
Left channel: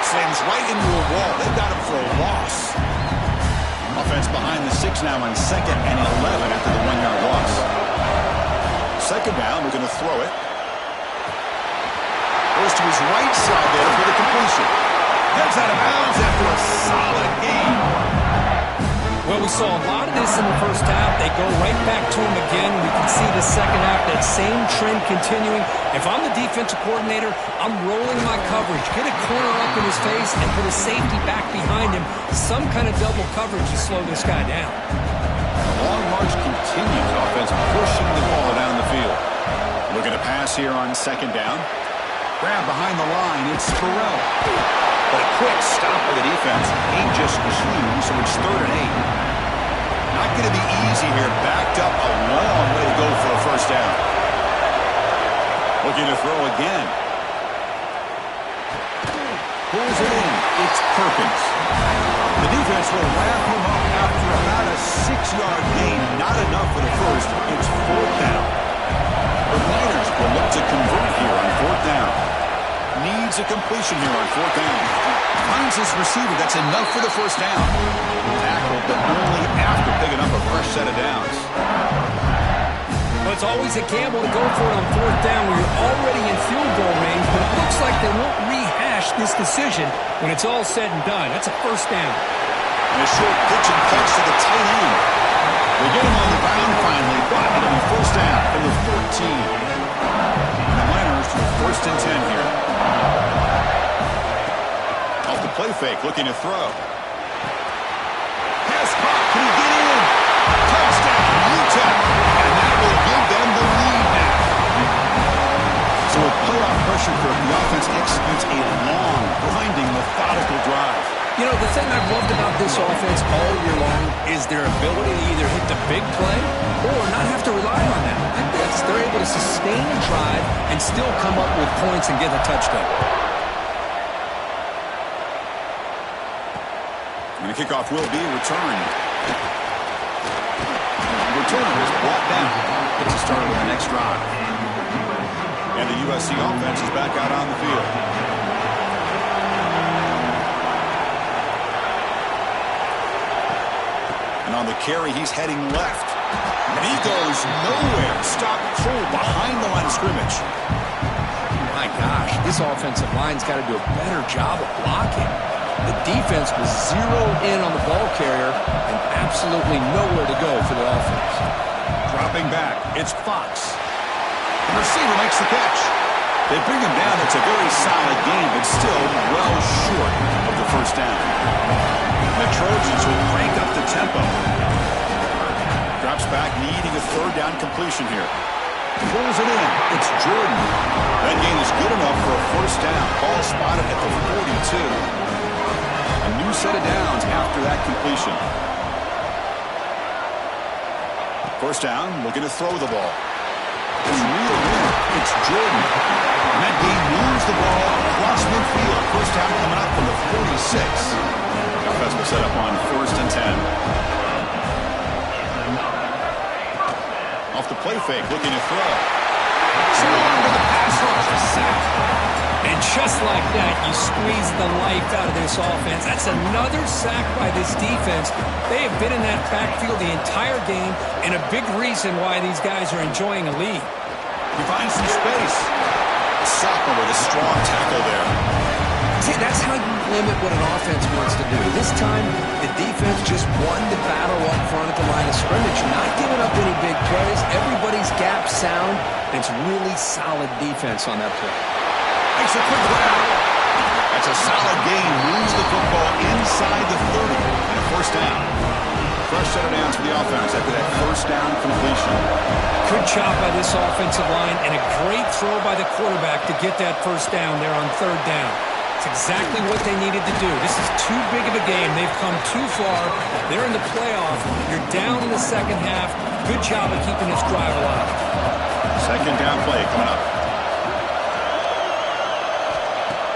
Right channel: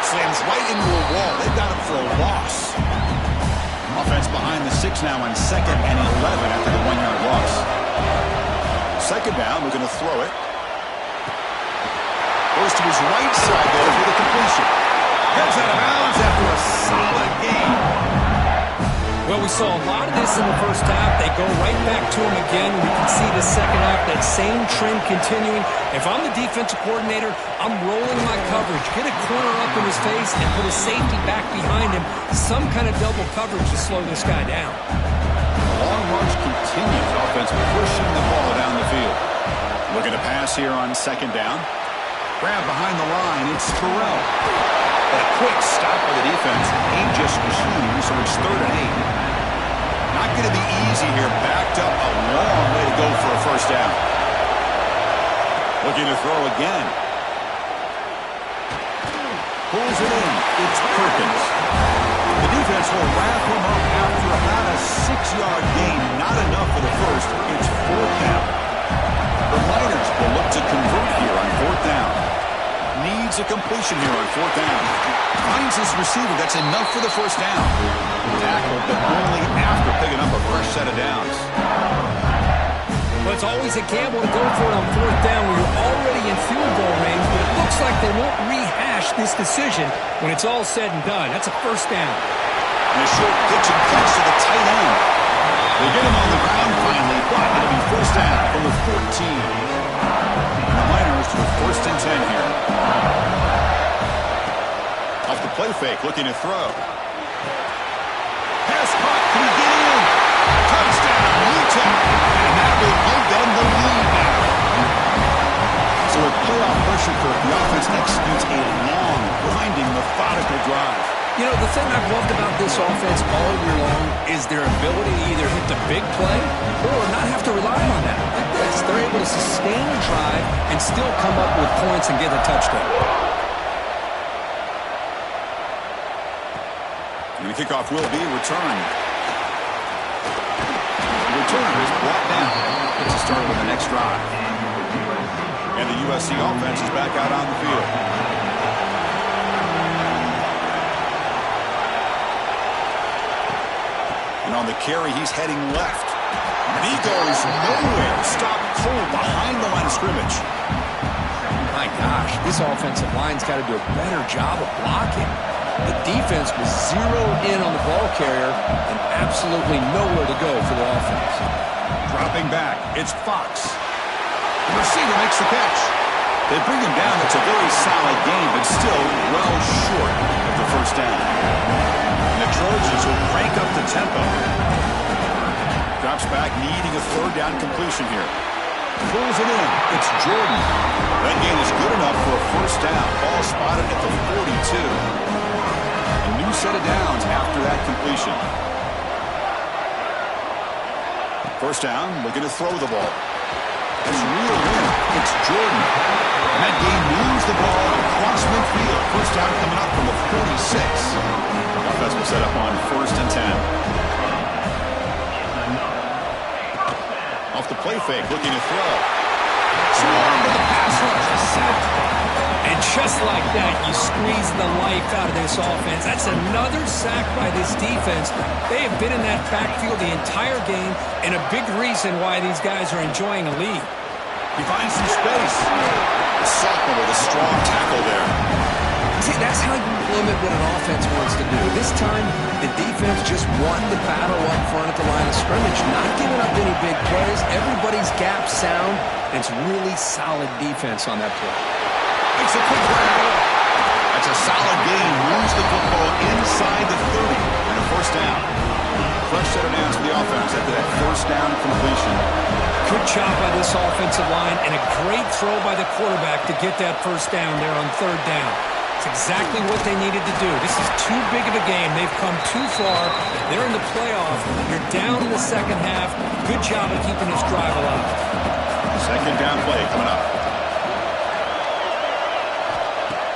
Slams right into a wall. They've got him for a loss. Offense behind the 6 now on 2nd and 11 after the 1-yard loss. Second down, we're going to throw it. Goes to his right side there for the completion. Gets out of bounds after a solid game. Well, we saw a lot of this in the first half. They go right back to him again. We can see the second half, that same trend continuing. If I'm the defensive coordinator, I'm rolling my coverage. Get a corner up in his face and put a safety back behind him. Some kind of double coverage to slow this guy down. The long march continues. Offense pushing the ball down the field. Looking to pass here on second down. Grab behind the line, it's Burrell. But a quick stop by the defense. Ain't just 2, so it's 3rd and 8. Not going to be easy here. Backed up a long way to go for a first down. Looking to throw again. Pulls it in. It's Perkins. The defense will wrap him up after about a 6-yard gain. Not enough for the first. It's 4th down. The Miners will look to convert here on 4th down. Needs a completion here on 4th down. Finds his receiver. That's enough for the first down. Tackled, but only after picking up a fresh set of downs. Well, it's always a gamble to go for it on 4th down when you're already in field goal range, but it looks like they won't rehash this decision when it's all said and done. That's a first down. And a short pitch and catch to the tight end. They get him on the ground finally, but it'll be first down from the 14. And the Miners with 1st and 10 here. Off the play fake, looking to throw. Pass caught. Can he get in? Touchdown, UTEP. And that will give them the lead now. So with playoff pressure, Kirk, the offense executes a long, grinding, methodical drive. You know, the thing I've loved about this offense all year long is their ability to either hit the big play or not have to rely on that. Like this, they're able to sustain a drive and still come up with points and get a touchdown. And the kickoff will be returned. The returner is brought down. Gets us started with the next drive. And the USC offense is back out on the field. And on the carry, he's heading left. And he goes nowhere. Stopped cold behind the line of scrimmage. My gosh, this offensive line's got to do a better job of blocking. The defense was zeroed in on the ball carrier and absolutely nowhere to go for the offense. Dropping back, it's Fox. The receiver makes the catch. They bring him down. It's a very solid game, but still well short of the first down. The Trojans will crank up the tempo. Drops back, needing a third down completion here. Pulls it in. It's Jordan. That gain is good enough for a first down. Ball spotted at the 42. A new set of downs after that completion. First down, looking to throw the ball. It's reeled in. It's Jordan. And that gain moves the ball across midfield. First down coming up from the 46. The offense will set up on 1st and 10. Off the play fake, looking to throw. Swarmed with the pass rush. A sack. And just like that, you squeeze the life out of this offense. That's another sack by this defense. They have been in that backfield the entire game, and a big reason why these guys are enjoying a lead. He finds some space. The sophomore with a strong tackle there. See, that's how you limit what an offense wants to do. This time, the defense just won the battle up front at the line of scrimmage, not giving up any big plays. Everybody's gap sound, and it's really solid defense on that play. Makes a quick grab. That's a solid gain. Moves the football inside the 30 and a first down. Fresh set of downs for the offense after that first down completion. Good job by this offensive line and a great throw by the quarterback to get that first down there on 3rd down. It's exactly what they needed to do. This is too big of a game. They've come too far. They're in the playoff. You're down in the second half. Good job of keeping this drive alive. Second down play coming up.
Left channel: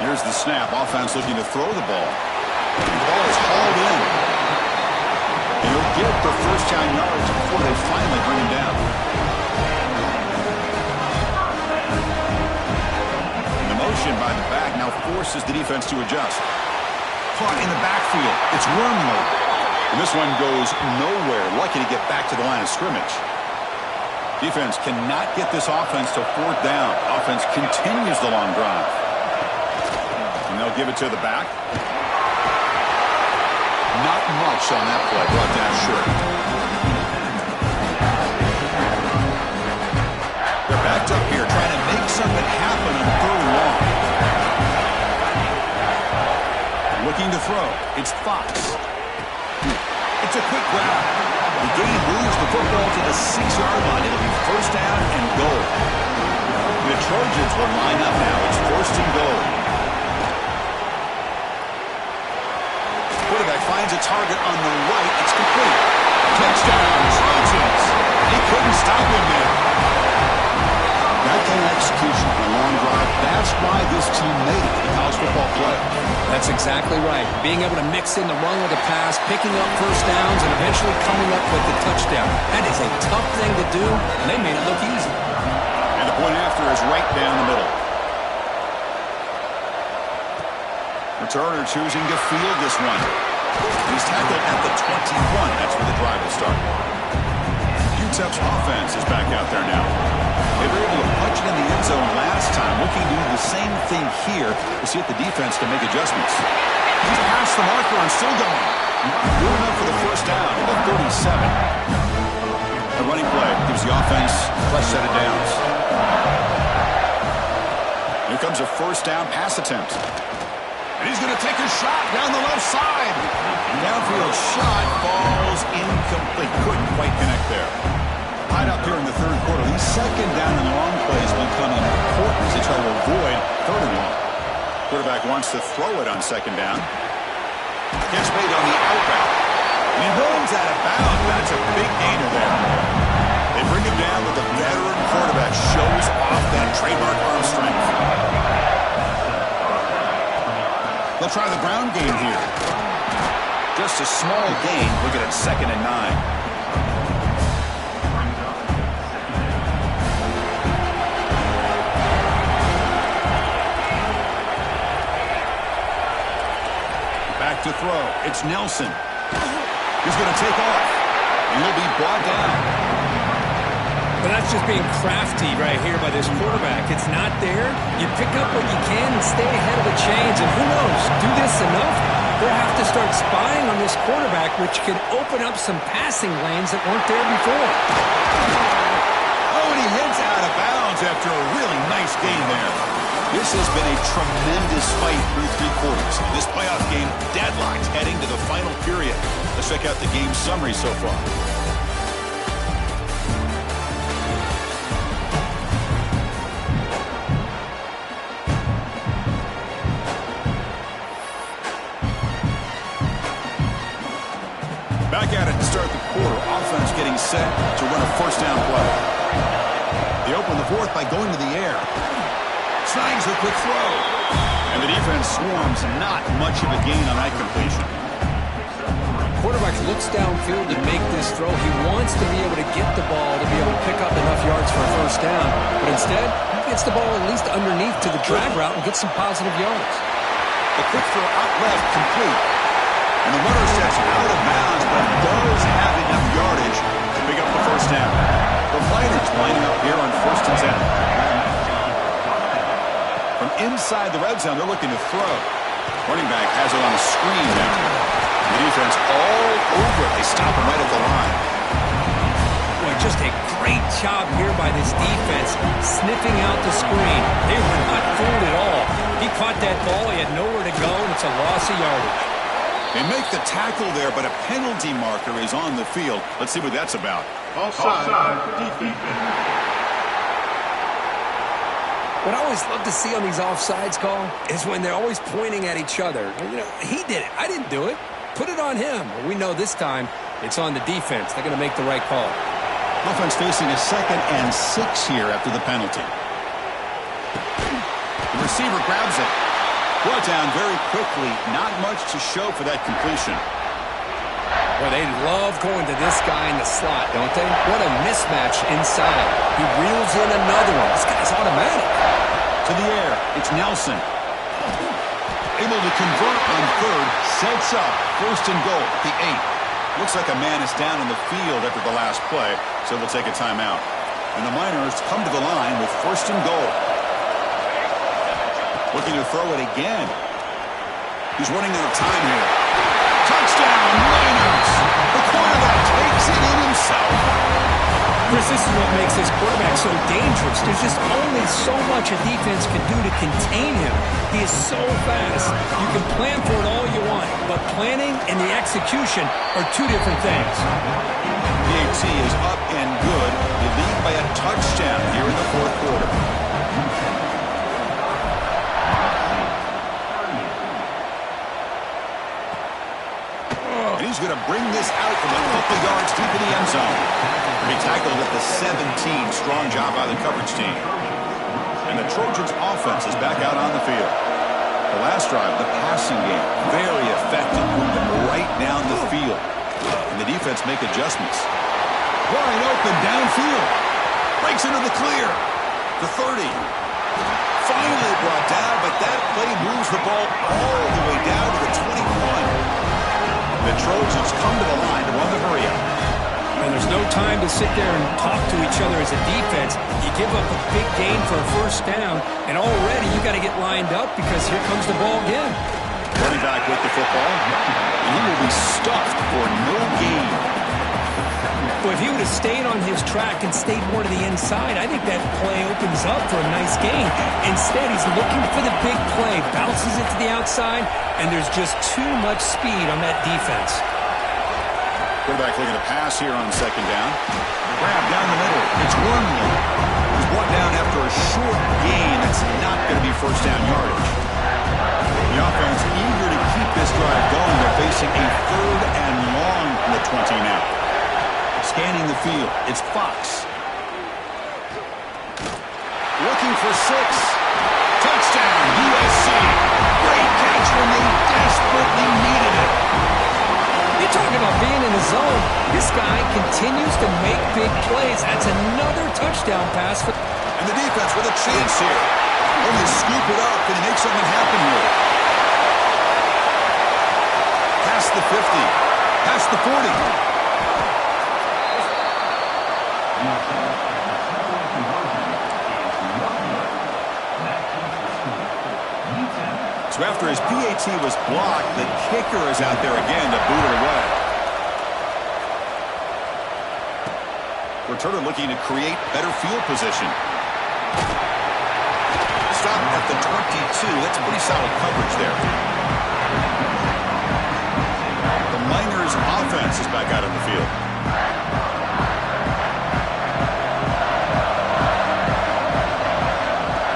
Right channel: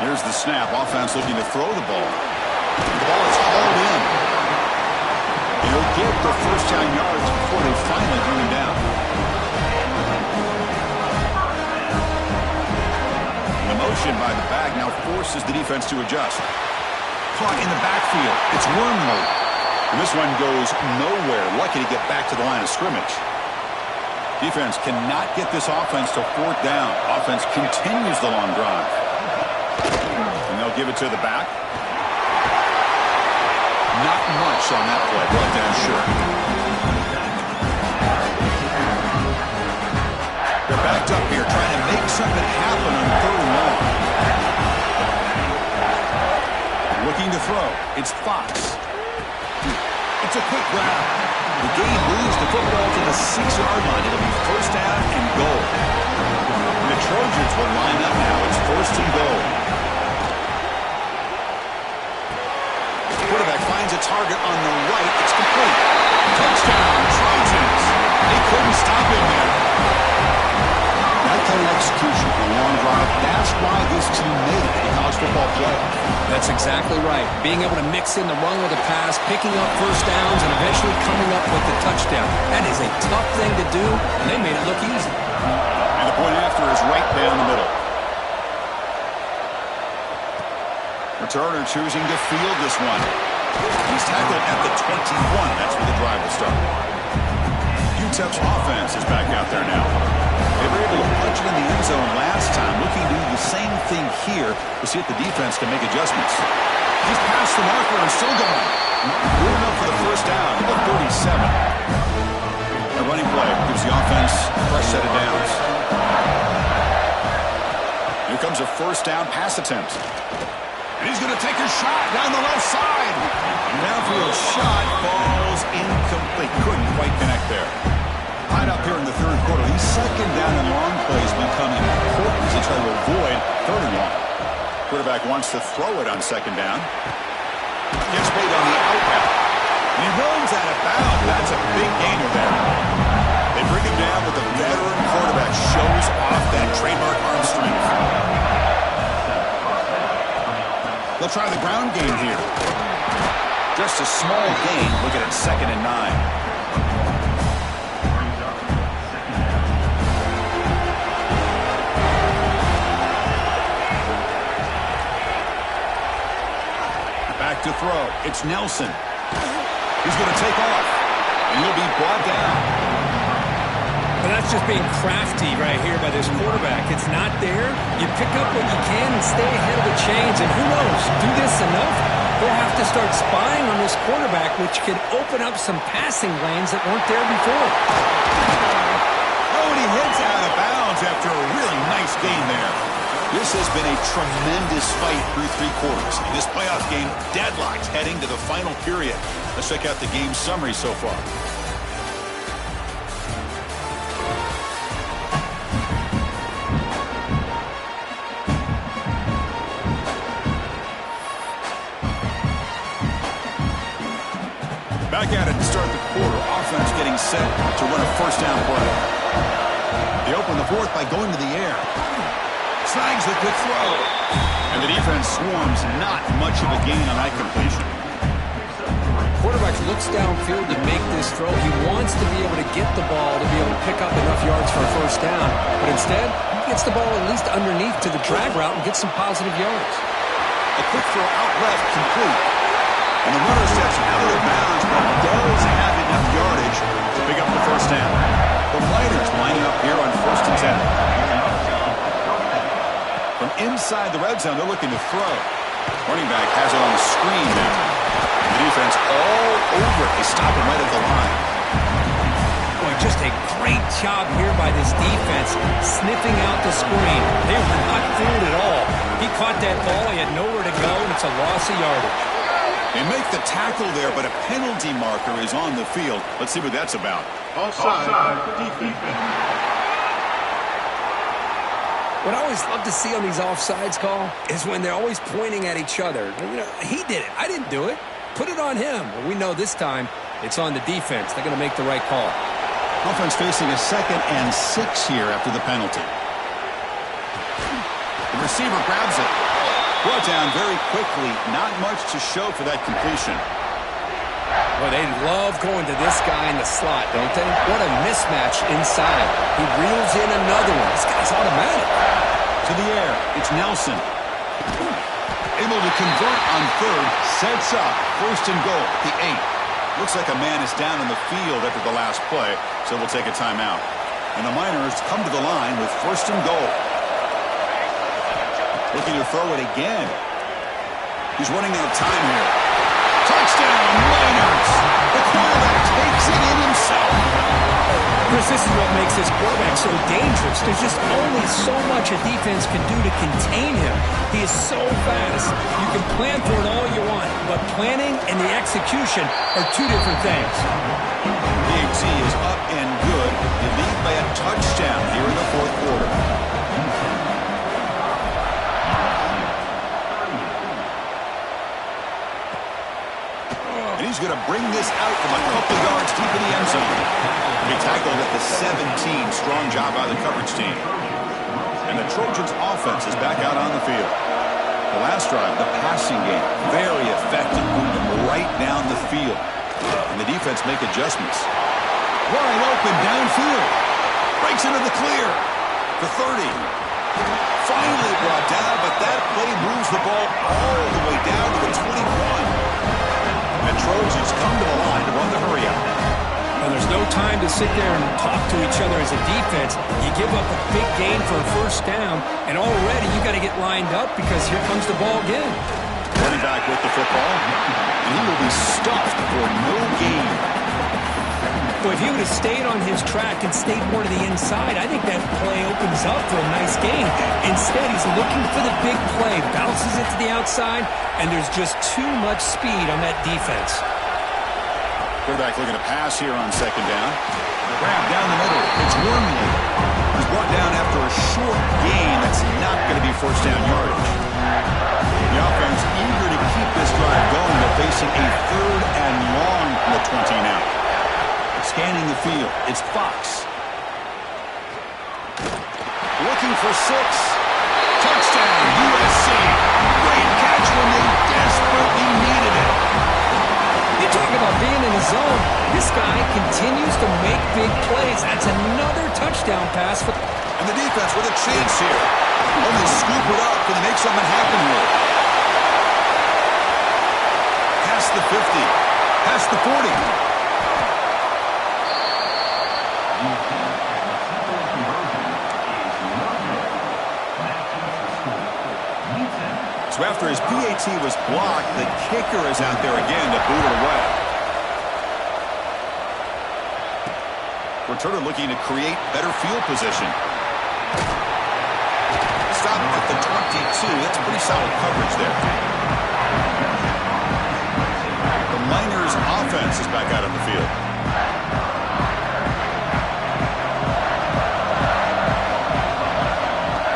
Here's the snap. Offense looking to throw the ball. The ball is hauled in. And he'll get the first down yards before they finally bring him down. And the motion by the back now forces the defense to adjust. Caught in the backfield. It's Wormley. And this one goes nowhere. Lucky to get back to the line of scrimmage. Defense cannot get this offense to 4th down. Offense continues the long drive. And they'll give it to the back. Not much on that play. Brought down short. They're backed up here trying to make something happen on 3rd and long. Looking to throw. It's Fox. It's a quick grab. The game moves the football to the 6-yard line. It'll be first down and goal. And the Trojans will line up now. It's 1st and goal. Quarterback finds a target on the right. It's complete. Touchdown, Trojans. They couldn't stop him there. That kind of execution on a long drive, that's why this team made it in the college football playoff. That's exactly right. Being able to mix in the run with the pass, picking up first downs, and eventually coming up with the touchdown. That is a tough thing to do, and they made it look easy. And the point after is right down the middle. Returner choosing to field this one. He's tackled at the 21. That's where the drive will start. UTEP's offense is back out there now. They were able to punch it in the end zone last time. Looking to do the same thing here to see if the defense can make adjustments. He's past the marker and still going. Good enough for the first down at the 37. A running play gives the offense a fresh set of downs. Here comes a first down pass attempt. And he's going to take a shot down the left side. Downfield shot falls incomplete. Couldn't quite connect there. Tied up here in the third quarter. These second down and long plays become important as they try to avoid third and long. Quarterback wants to throw it on second down. Gets made on the out route. And he runs out of bounds. That's a big gainer there. They bring him down with the veteran quarterback. Shows off that trademark arm strength. They'll try the ground game here. Just a small gain. Look at it, 2nd and 9. Back to throw. It's Nelson. He's going to take off. And he'll be brought down. But that's just being crafty right here by this quarterback. It's not there. You pick up what you can and stay ahead of the chains. And who knows, do this enough, they'll have to start spying on this quarterback, which could open up some passing lanes that weren't there before. Oh, and he heads out of bounds after a really nice gain there. This has been a tremendous fight through 3 quarters. In this playoff game, deadlocked heading to the final period. Let's check out the game summary so far. Back at it to start the quarter. Offense getting set to run a first down play. They open the fourth by going to the air. Snags the quick throw. And the defense swarms. Not much of a gain on that completion. Quarterback looks downfield to make this throw. He wants to be able to get the ball to be able to pick up enough yards for a first down. But instead, he gets the ball at least underneath to the drag route and gets some positive yards. A quick throw out left, complete. And the runner steps out of bounds, but does have enough yardage to pick up the first down. The Miners lining up here on 1st and 10. From inside the red zone, they're looking to throw. Running back has it on the screen now. The defense all over it. They stop him right at the line. Boy, just a great job here by this defense, sniffing out the screen. They were not fooled at all. He caught that ball. He had nowhere to go, and it's a loss of yardage. They make the tackle there, but a penalty marker is on the field. Let's see what that's about. Offside, defense. What I always love to see on these offsides call is when they're always pointing at each other. You know, he did it. I didn't do it. Put it on him. Well, we know this time it's on the defense. They're going to make the right call. Offense facing a 2nd and 6 here after the penalty. The receiver grabs it. Brought down very quickly. Not much to show for that completion. Well, they love going to this guy in the slot, don't they? What a mismatch inside. He reels in another one. This guy's automatic. To the air. It's Nelson. Able to convert on 3rd. Sets up 1st and goal at the 8. Looks like a man is down in the field after the last play, so we'll take a timeout. And the Miners come to the line with 1st and goal. Looking to throw it again. He's running out of time here. Touchdown, Miners! The quarterback takes it in himself. Chris, this is what makes this quarterback so dangerous. There's just only so much a defense can do to contain him. He is so fast. You can plan for it all you want, but planning and the execution are 2 different things. PAT is up and good. They lead by a touchdown here in the 4th quarter. And he's going to bring this out from a couple yards deep in the end zone. He tackled at the 17. Strong job by the coverage team. And the Trojans' offense is back out on the field. The last drive, the passing game, very effective. Moved them right down the field. And the defense make adjustments. Wide open downfield. Breaks into the clear. The 30. Finally brought down, but that play moves the ball all the way down to the 21. The Trojans come to the line to run the hurry up. Well, there's no time to sit there and talk to each other as a defense. You give up a big gain for a first down, and already you got to get lined up because here comes the ball again. Running back with the football, and he will be stuffed for no gain. Well, if he would have stayed on his track and stayed more to the inside, I think that play opens up for a nice gain. Instead, he's looking for the big play, bounces it to the outside, and there's just too much speed on that defense. Quarterback looking to pass here on second down. Grab down the middle. It's Wormley. He's brought down after a short gain. That's not going to be first down yardage. The offense eager to keep this drive going. They're facing a 3rd and long from the 20 now. Scanning the field, it's Fox. Looking for 6. Touchdown, USC. Great catch when they desperately needed it. You talk about being in the zone. This guy continues to make big plays. That's another touchdown pass. And the defense with a chance here. Only scoop it up. Can they make something happen here? Past the 50. Past the 40. So after his PAT was blocked, the kicker is out there again to boot it away. Returner looking to create better field position. Stop at the 22. That's pretty solid coverage there. The Miners offense is back out on the field.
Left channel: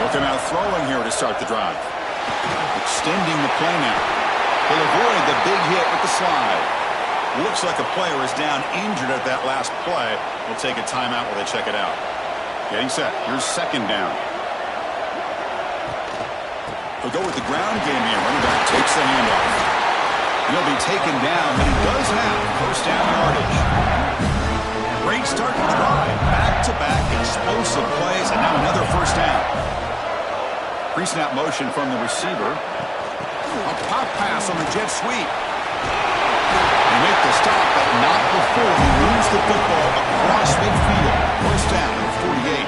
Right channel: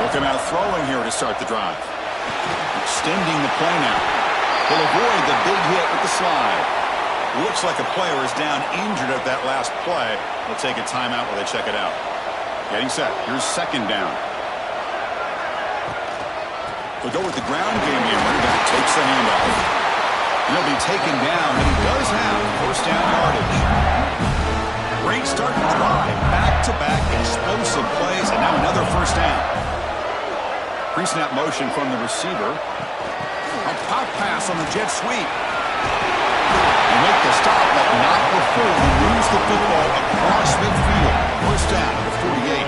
Looking out throwing here to start the drive. Extending the play now. He'll avoid the big hit with the slide. Looks like a player is down injured at that last play. We'll take a timeout while they check it out. Getting set. Here's second down. They'll go with the ground game here. Running back takes the handoff. And he'll be taken down, but he does have first down yardage. Great start to the drive. Back-to-back explosive plays, and now another first down. Pre-snap motion from the receiver. A pop pass on the jet sweep. They make the stop, but not before he moves the football across midfield. First down at the 48.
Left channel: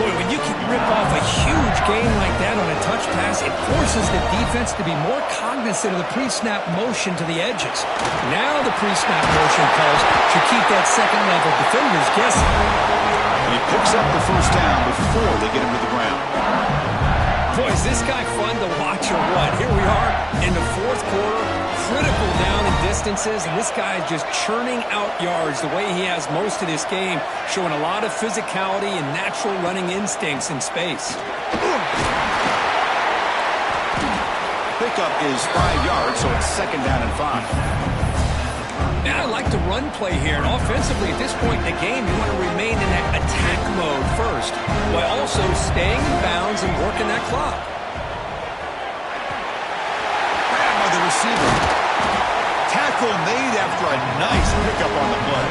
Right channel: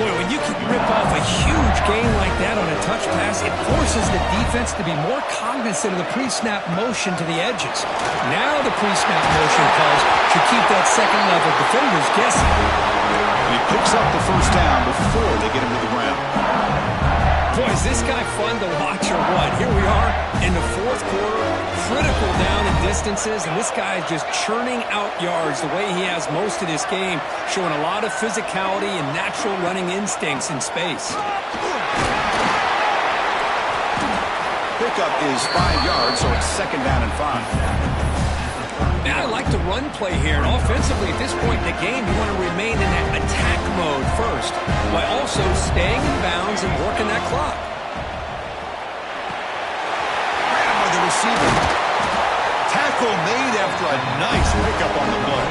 Boy, when you can rip off a huge gain like that on a touch pass, it forces the defense to be more cognizant of the pre-snap motion to the edges. Now the pre-snap motion calls should keep that second-level defenders guessing. And he picks up the first down before they get him to the ground. Boy, is this guy fun to watch or what? Here we are in the fourth quarter, critical down in distances, and this guy is just churning out yards the way he has most of this game, showing a lot of physicality and natural running instincts in space. Pickup is 5 yards, so it's second down and 5. Now, I like the run play here, and offensively at this point in the game, you want to remain in that attack mode first, while also staying in bounds and working that clock. Grabbed by the receiver. Tackle made after a nice pickup on the play.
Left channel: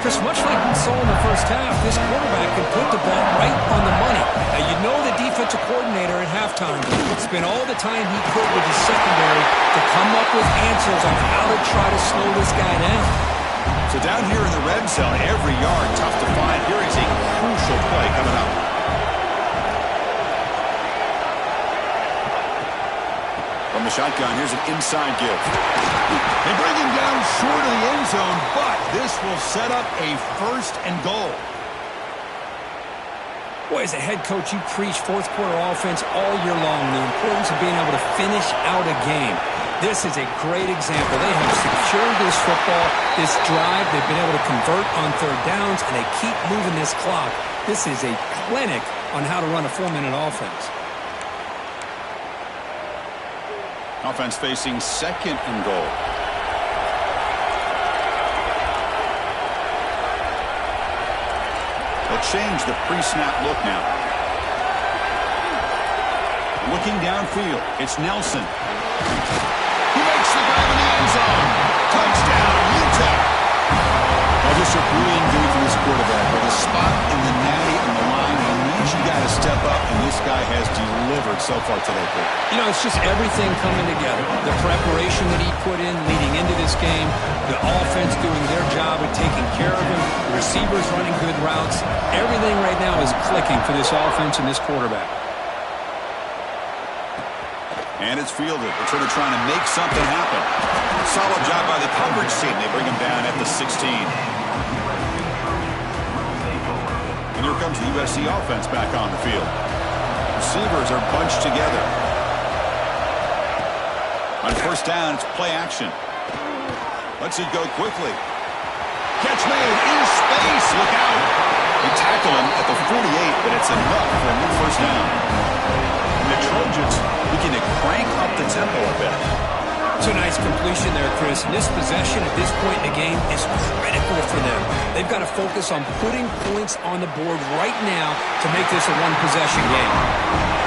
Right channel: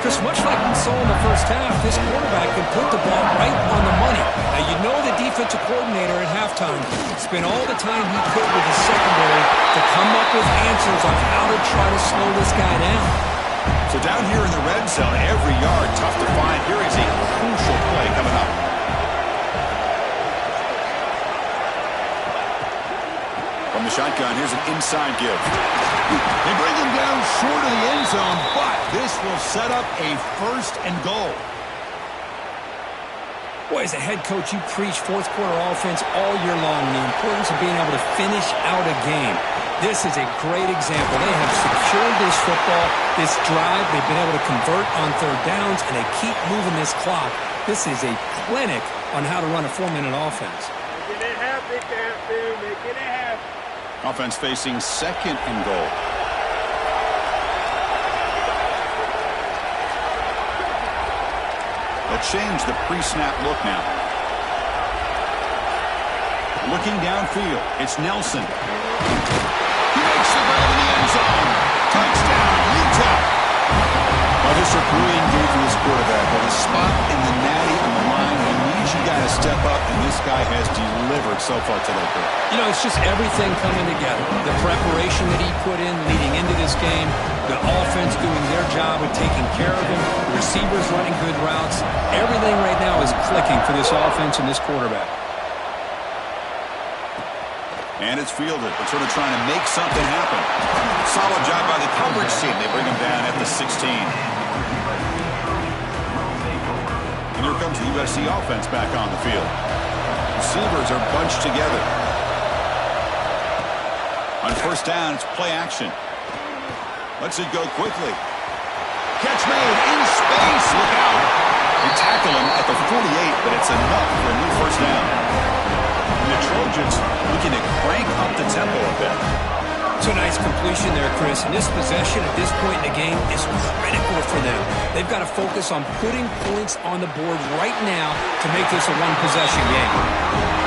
Just much like we saw in the first half, this quarterback can put the ball right on the money. Now, you know the defensive coordinator at halftime spent all the time he could with his secondary to come up with answers on how to try to slow this guy down. So down here in the red zone, every yard tough to find. Here is a crucial play coming up. From the shotgun, here's an inside give. They bring him down short of the end zone, but this will set up a first and goal. Boy, as a head coach, you preach fourth quarter offense all year long, the importance of being able to finish out a game. This is a great example. They have secured this football, this drive. They've been able to convert on third downs, and they keep moving this clock. This is a clinic on how to run a 4-minute offense. Offense facing second and goal. They'll change the pre-snap look now. Looking downfield, it's Nelson. He makes the grab in the end zone. Touchdown, UTEP. Well, just a brilliant game from this quarterback. With a spot in the natty on the line, he needs you guys to step up, and this guy has delivered so far today, Kurt. You know, it's just everything coming together. The preparation that he put in leading into this game, the offense doing their job of taking care of him, the receivers running good routes. Everything right now is clicking for this offense and this quarterback. And it's fielded. Returner trying to make something happen. Solid job by the coverage team. They bring him down at the 16. And here comes the USC offense back on the field. Receivers are bunched together. On first down, it's play action. Lets it go quickly. Catch made in space. Look out. They tackle him at the 48, but it's enough for a new first down. And the Trojans looking to crank up the tempo a bit. It's a nice completion there, Chris. And this possession at this point in the game is critical for them. They've got to focus on putting points on the board right now to make this a one-possession game.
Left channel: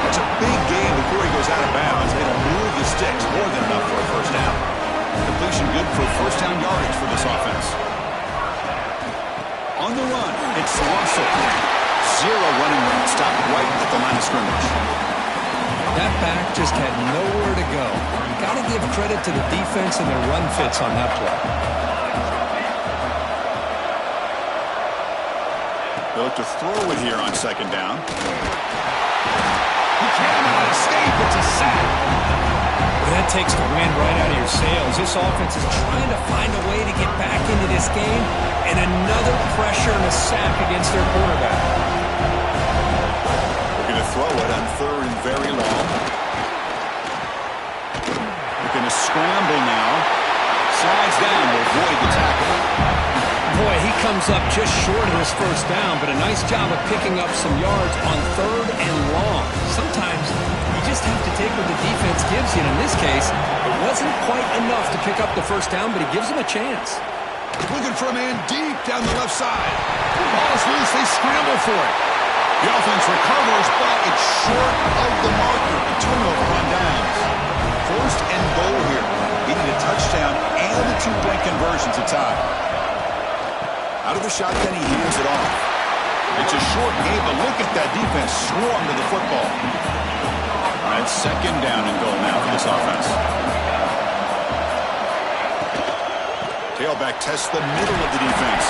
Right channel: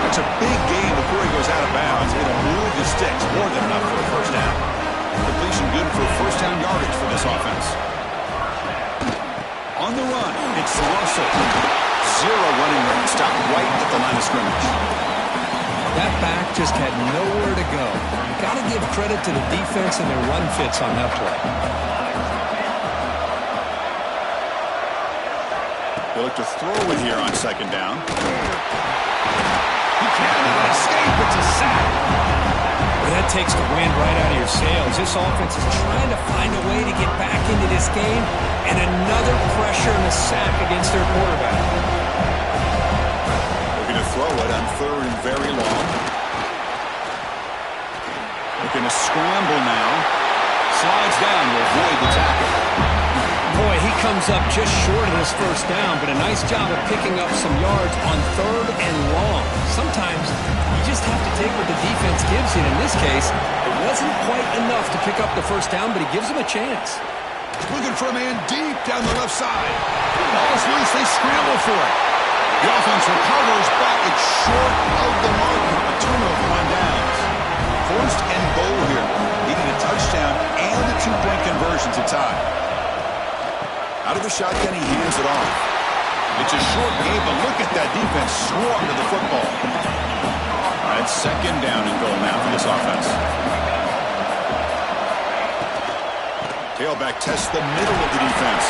That's a big game before he goes out of bounds. It'll move the sticks more than enough for a first down. Completion good for first down yardage for this offense. On the run, it's Russell. Zero running room. Stopped right at the line of scrimmage. That back just had nowhere to go. You got to give credit to the defense and their run fits on that play. They look to throw it here on second down. He cannot escape. It's a sack. Well, that takes the wind right out of your sails. This offense is trying to find a way to get back into this game, and another pressure and a sack against their quarterback. Looking to throw it on third and very long. Looking to scramble now. Slides down to avoid the tackle. Boy, he comes up just short of this first down, but a nice job of picking up some yards on third and long. Sometimes you just have to take what the defense gives you, and in this case, it wasn't quite enough to pick up the first down, but he gives him a chance. Looking for a man deep down the left side. Ball is loose. They scramble for it. The offense recovers, but it's short of the marker. A turnover on downs. First and goal here. Needing a touchdown and a two-point conversion to tie. Out of the shotgun, he hands it off. It's a short game, but look at that defense swarm to the football. All right, second down and goal now for this offense. Tailback tests the middle of the defense.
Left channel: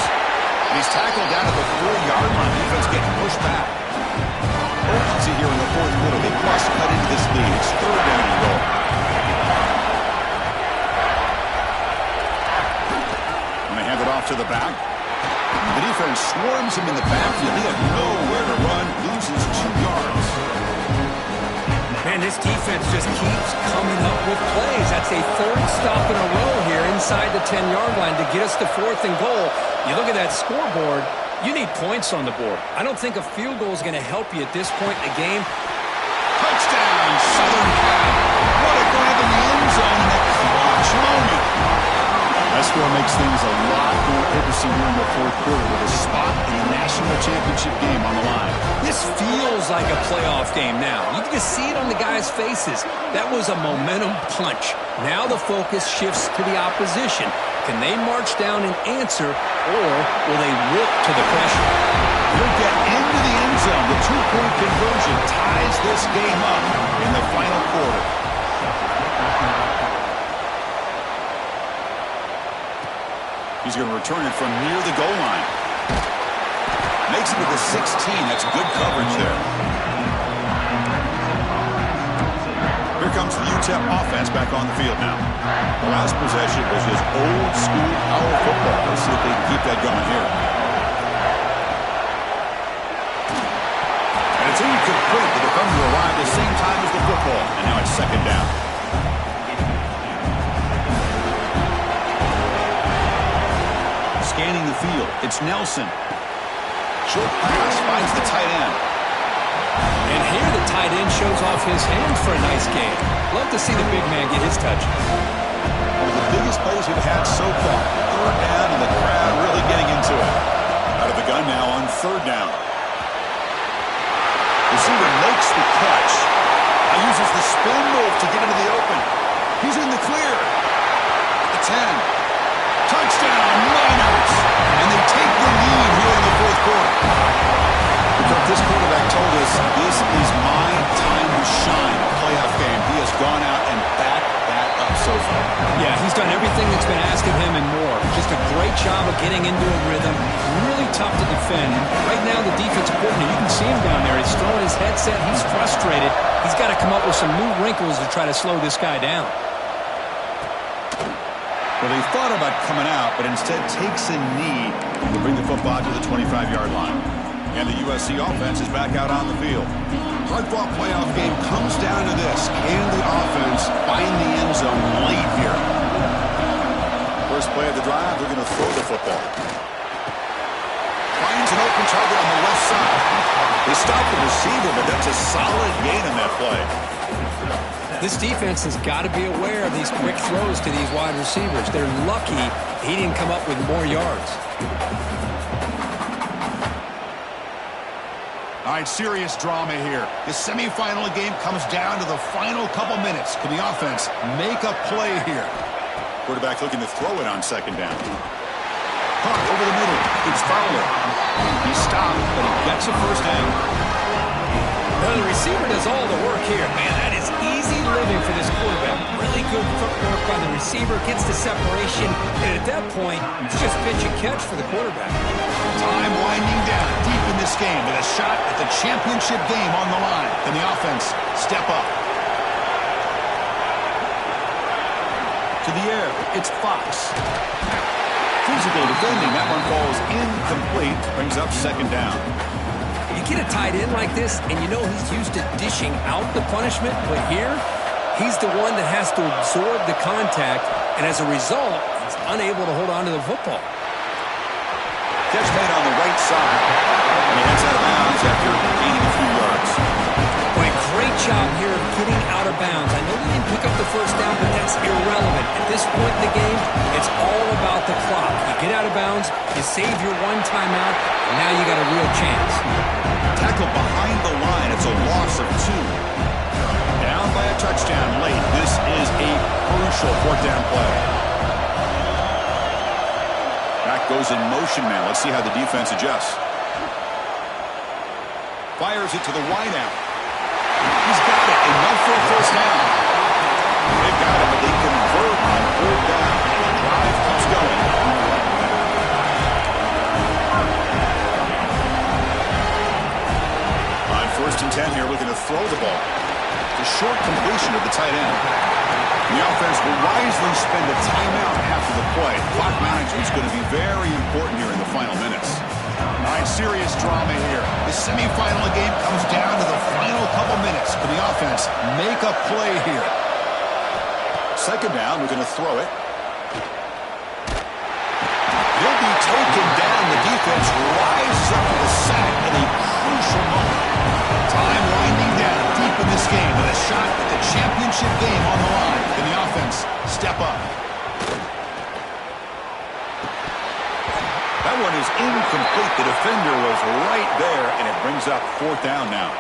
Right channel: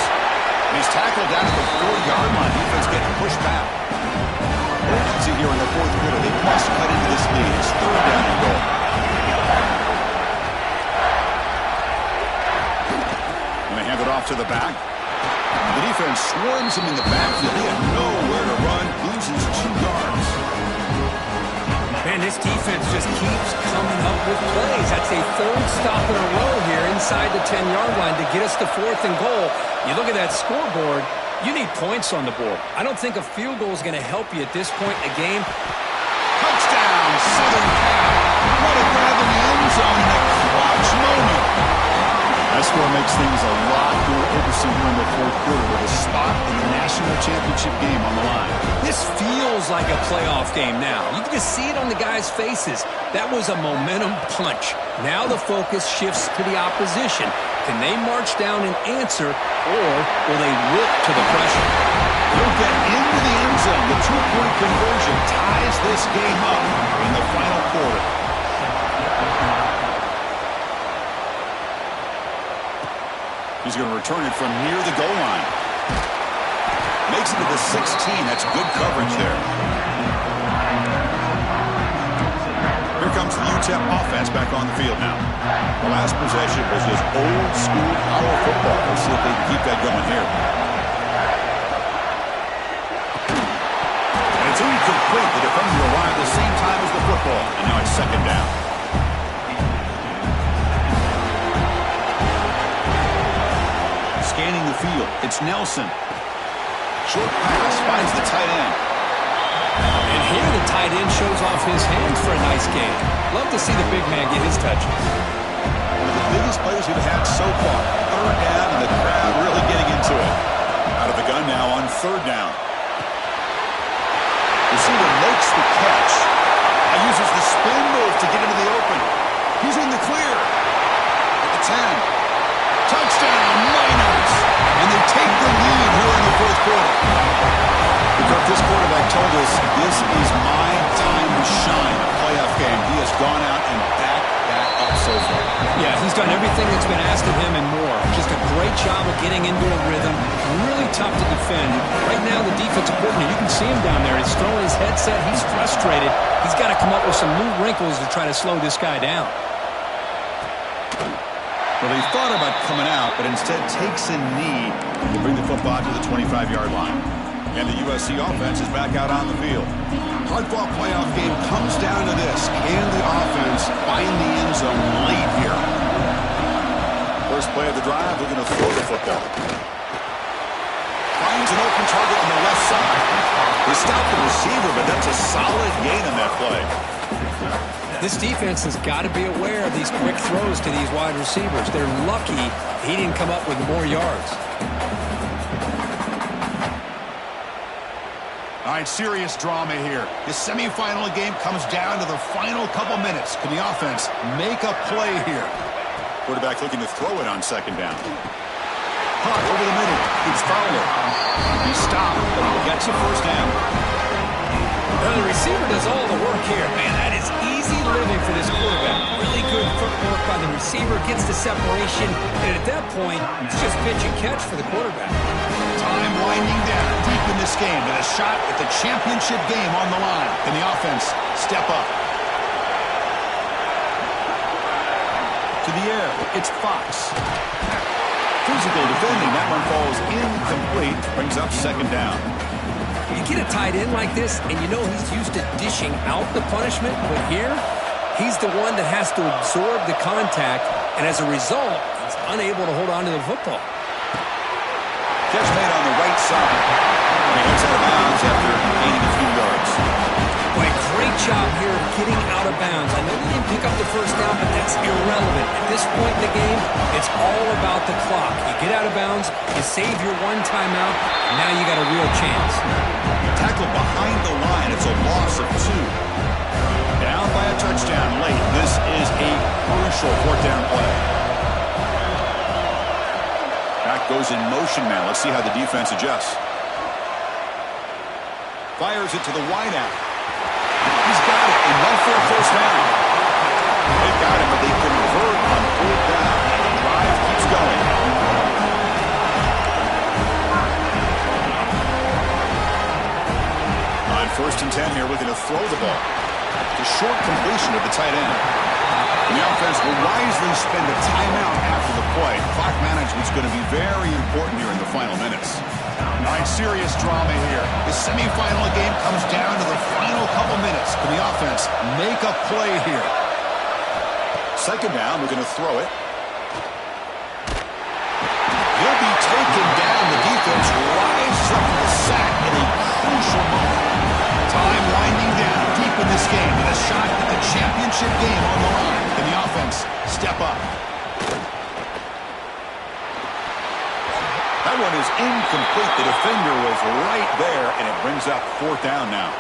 And he's tackled down at the 4-yard line. Defense getting pushed back. Urgency here in the fourth quarter. They must cut into this lead. It's third down and goal. And they hand it off to the back. The defense swarms him in the backfield. He had nowhere to run. Loses 2 yards. Man, this defense just keeps coming up with plays. That's a third stop in a row here inside the 10-yard line to get us to fourth and goal. You look at that scoreboard, you need points on the board. I don't think a field goal is going to help you at this point in the game. Touchdown, Southern Cal. What a grab in the end zone in a clutch moment. That score makes things a lot more interesting here in the fourth quarter with a spot in the national championship game on the line. This feels like a playoff game now. You can just see it on the guys' faces. That was a momentum punch. Now the focus shifts to the opposition. Can they march down and answer, or will they wilt to the pressure? He'll get into the end zone. The two-point conversion ties this game up in the final quarter. He's going to return it from near the goal line. Makes it to the 16. That's good coverage there. Here comes the UTEP offense back on the field now. The last possession was just old-school power football. Let's see if they can keep that going here. And it's incomplete. The defender arrived the same time as the football. And now it's second down. Scanning the field. It's Nelson. Short pass finds the tight end. And here the tight end shows off his hands for a nice game. Love to see the big man get his touches. One of the biggest plays we've had so far. Third down, and the crowd really getting into it. Out of the gun now on third down. Receiver makes the catch. Now uses the spin move to get into the open. He's in the clear. At the 10. Touchdown, Miners! And they take the lead here in the fourth quarter. This quarterback told us this is my time to shine. A playoff game, he has gone out and backed that up so far. Yeah, he's done everything that's been asked of him and more. Just a great job of getting into a rhythm. Really tough to defend. Right now, the defensive coordinator, you can see him down there. He's throwing his headset. He's frustrated. He's got to come up with some new wrinkles to try to slow this guy down. Well, he thought about coming out, but instead takes a knee to bring the football to the 25-yard line. And the USC offense is back out on the field. Hard-fought playoff game comes down to this. Can the offense find the end zone late here? First play of the drive, they're going to throw the football. Finds an open target on the left side. They stop the receiver, but that's a solid gain on that play. This defense has got to be aware of these quick throws to these wide receivers. They're lucky he didn't come up with more yards. All right, serious drama here. The semifinal game comes down to the final couple minutes. Can the offense make a play here? Quarterback looking to throw it on second down. Caught over the middle. It's Fowler. He stopped, but he gets a first down. Now the receiver does all the work here. Man, that is easy living for this quarterback. Really good footwork by the receiver. Gets the separation. And at that point, it's just pitch and catch for the quarterback. Time winding down deep in this game with a shot at the championship game on the line. Can the offense step up? To the air, it's Fox. Physical defending. That one falls incomplete. Brings up second down. You get a tight end like this, and you know he's used to dishing out the punishment, but here, he's the one that has to absorb the contact, and as a result, he's unable to hold on to the football. Catch made on the right side. And he heads out of bounds after gaining a few yards. Boy, great job here of getting out of bounds. I know they didn't pick up the first down, but that's irrelevant. At this point in the game, it's all about the clock. You get out of bounds, you save your one timeout, and now you got a real chance. Tackle behind the line. It's a loss of 2. Down by a touchdown late. This is a crucial fourth down play. Back goes in motion now. Let's see how the defense adjusts. Fires it to the wideout. He's got it. Enough for a first down. They've got it, but they convert on fourth down. And the drive keeps going. On 1st and 10 here, looking to throw the ball. The short completion of the tight end. And the offense will wisely spend a timeout after the play. Clock management's going to be very important here in the final minutes. All right, serious drama here. The semifinal game comes down to the final couple minutes. Can the offense make a play here? Second down, we're going to throw it. He'll be taken down. The defense rises up to the sack in a crucial moment. Time winding down deep in this game with a shot at the championship game on the line. Can the offense step up? That one is incomplete. The defender was right there, and it brings up fourth down now.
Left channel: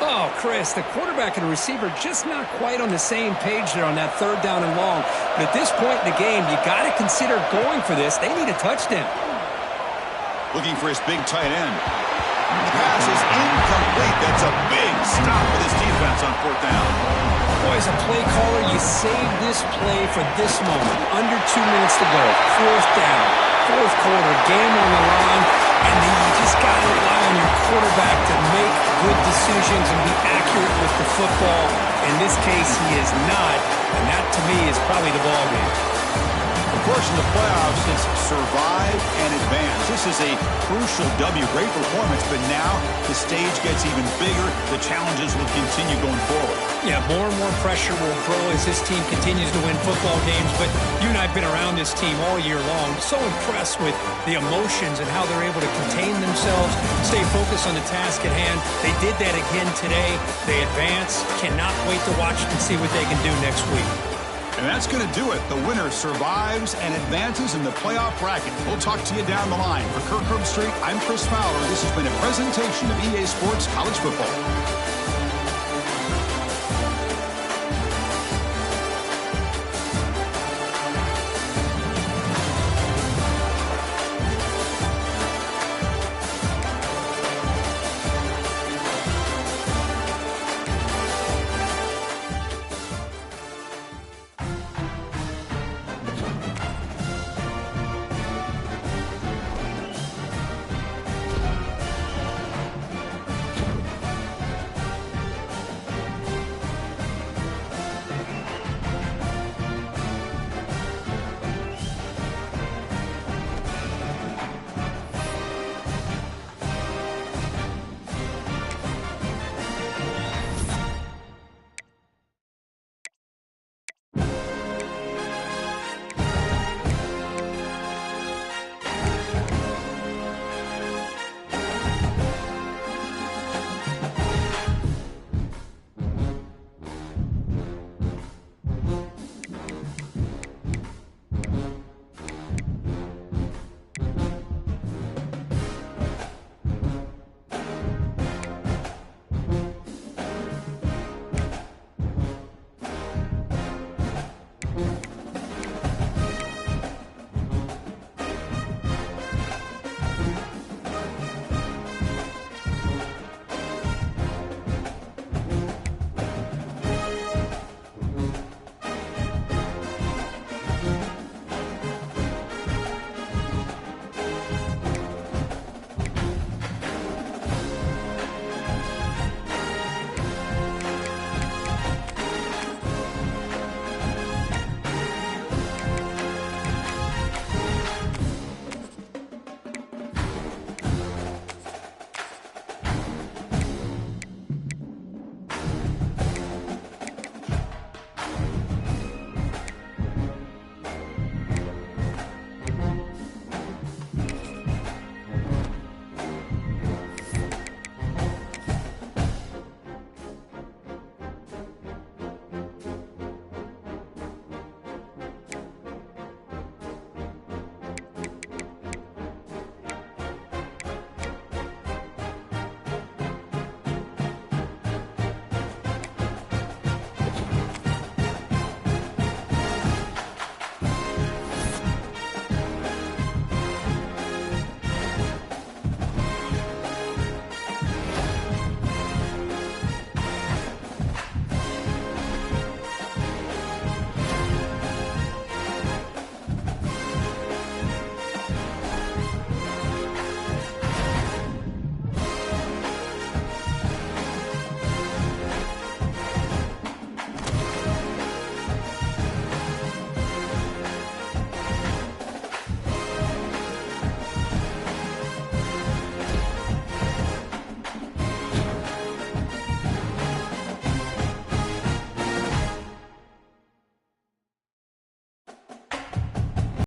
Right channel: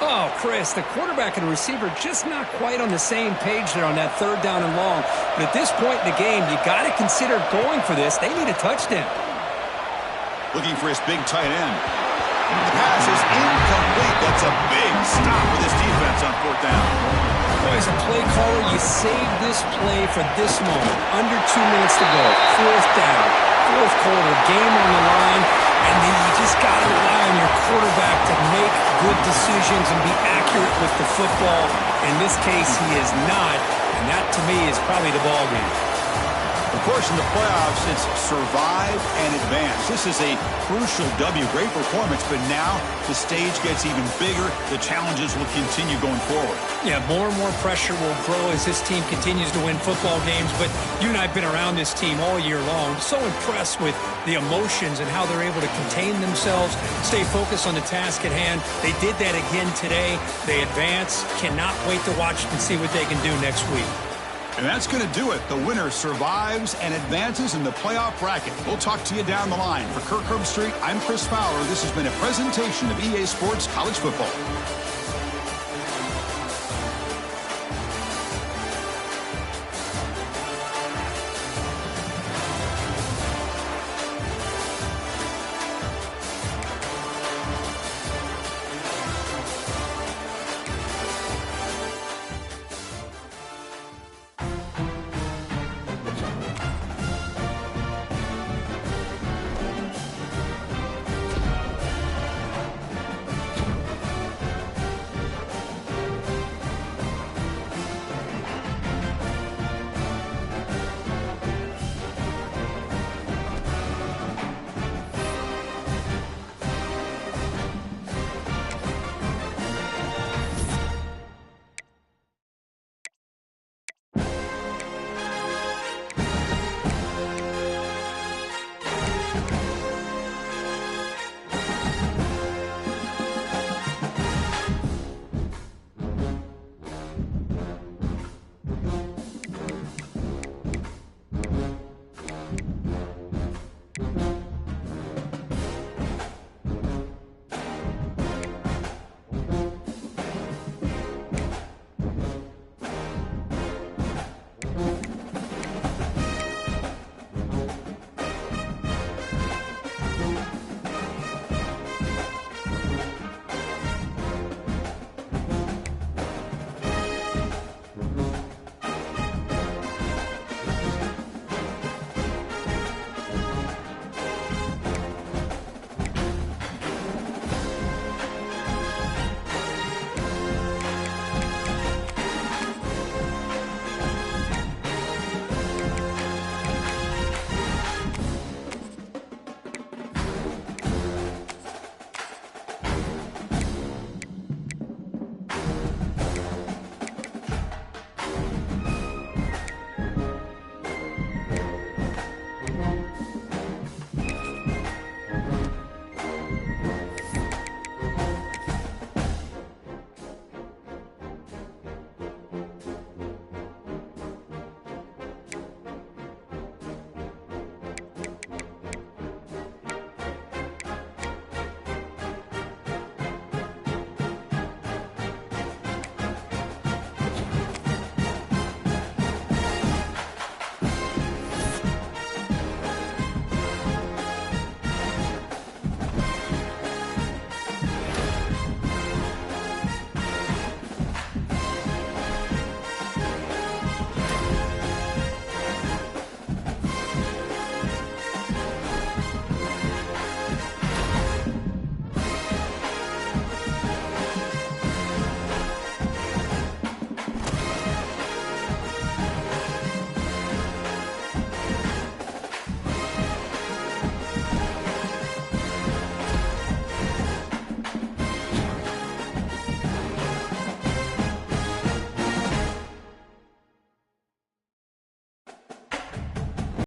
Oh, Chris, the quarterback and the receiver just not quite on the same page there on that third down and long. But at this point in the game, you got to consider going for this. They need a touchdown. Looking for his big tight end. The pass is incomplete. That's a big stop for this defense on fourth down. Boy, as a play caller, you save this play for this moment. Under 2 minutes to go. Fourth down. Fourth quarter. Game on the line. And then you just got to rely on your quarterback to make good decisions and be accurate with the football. In this case, he is not. And that, to me, is probably the ball game. Of course, in the playoffs, it's survive and advance. This is a crucial W. Great performance, but now the stage gets even bigger. The challenges will continue going forward. Yeah, more and more pressure will grow as this team continues to win football games. But you and I have been around this team all year long. So impressed with the emotions and how they're able to contain themselves, stay focused on the task at hand. They did that again today. They advance. Cannot wait to watch and see what they can do next week. And that's going to do it. The winner survives and advances in the playoff bracket. We'll talk to you down the line. For Kirk Herbstreit, I'm Chris Fowler. This has been a presentation of EA Sports College Football.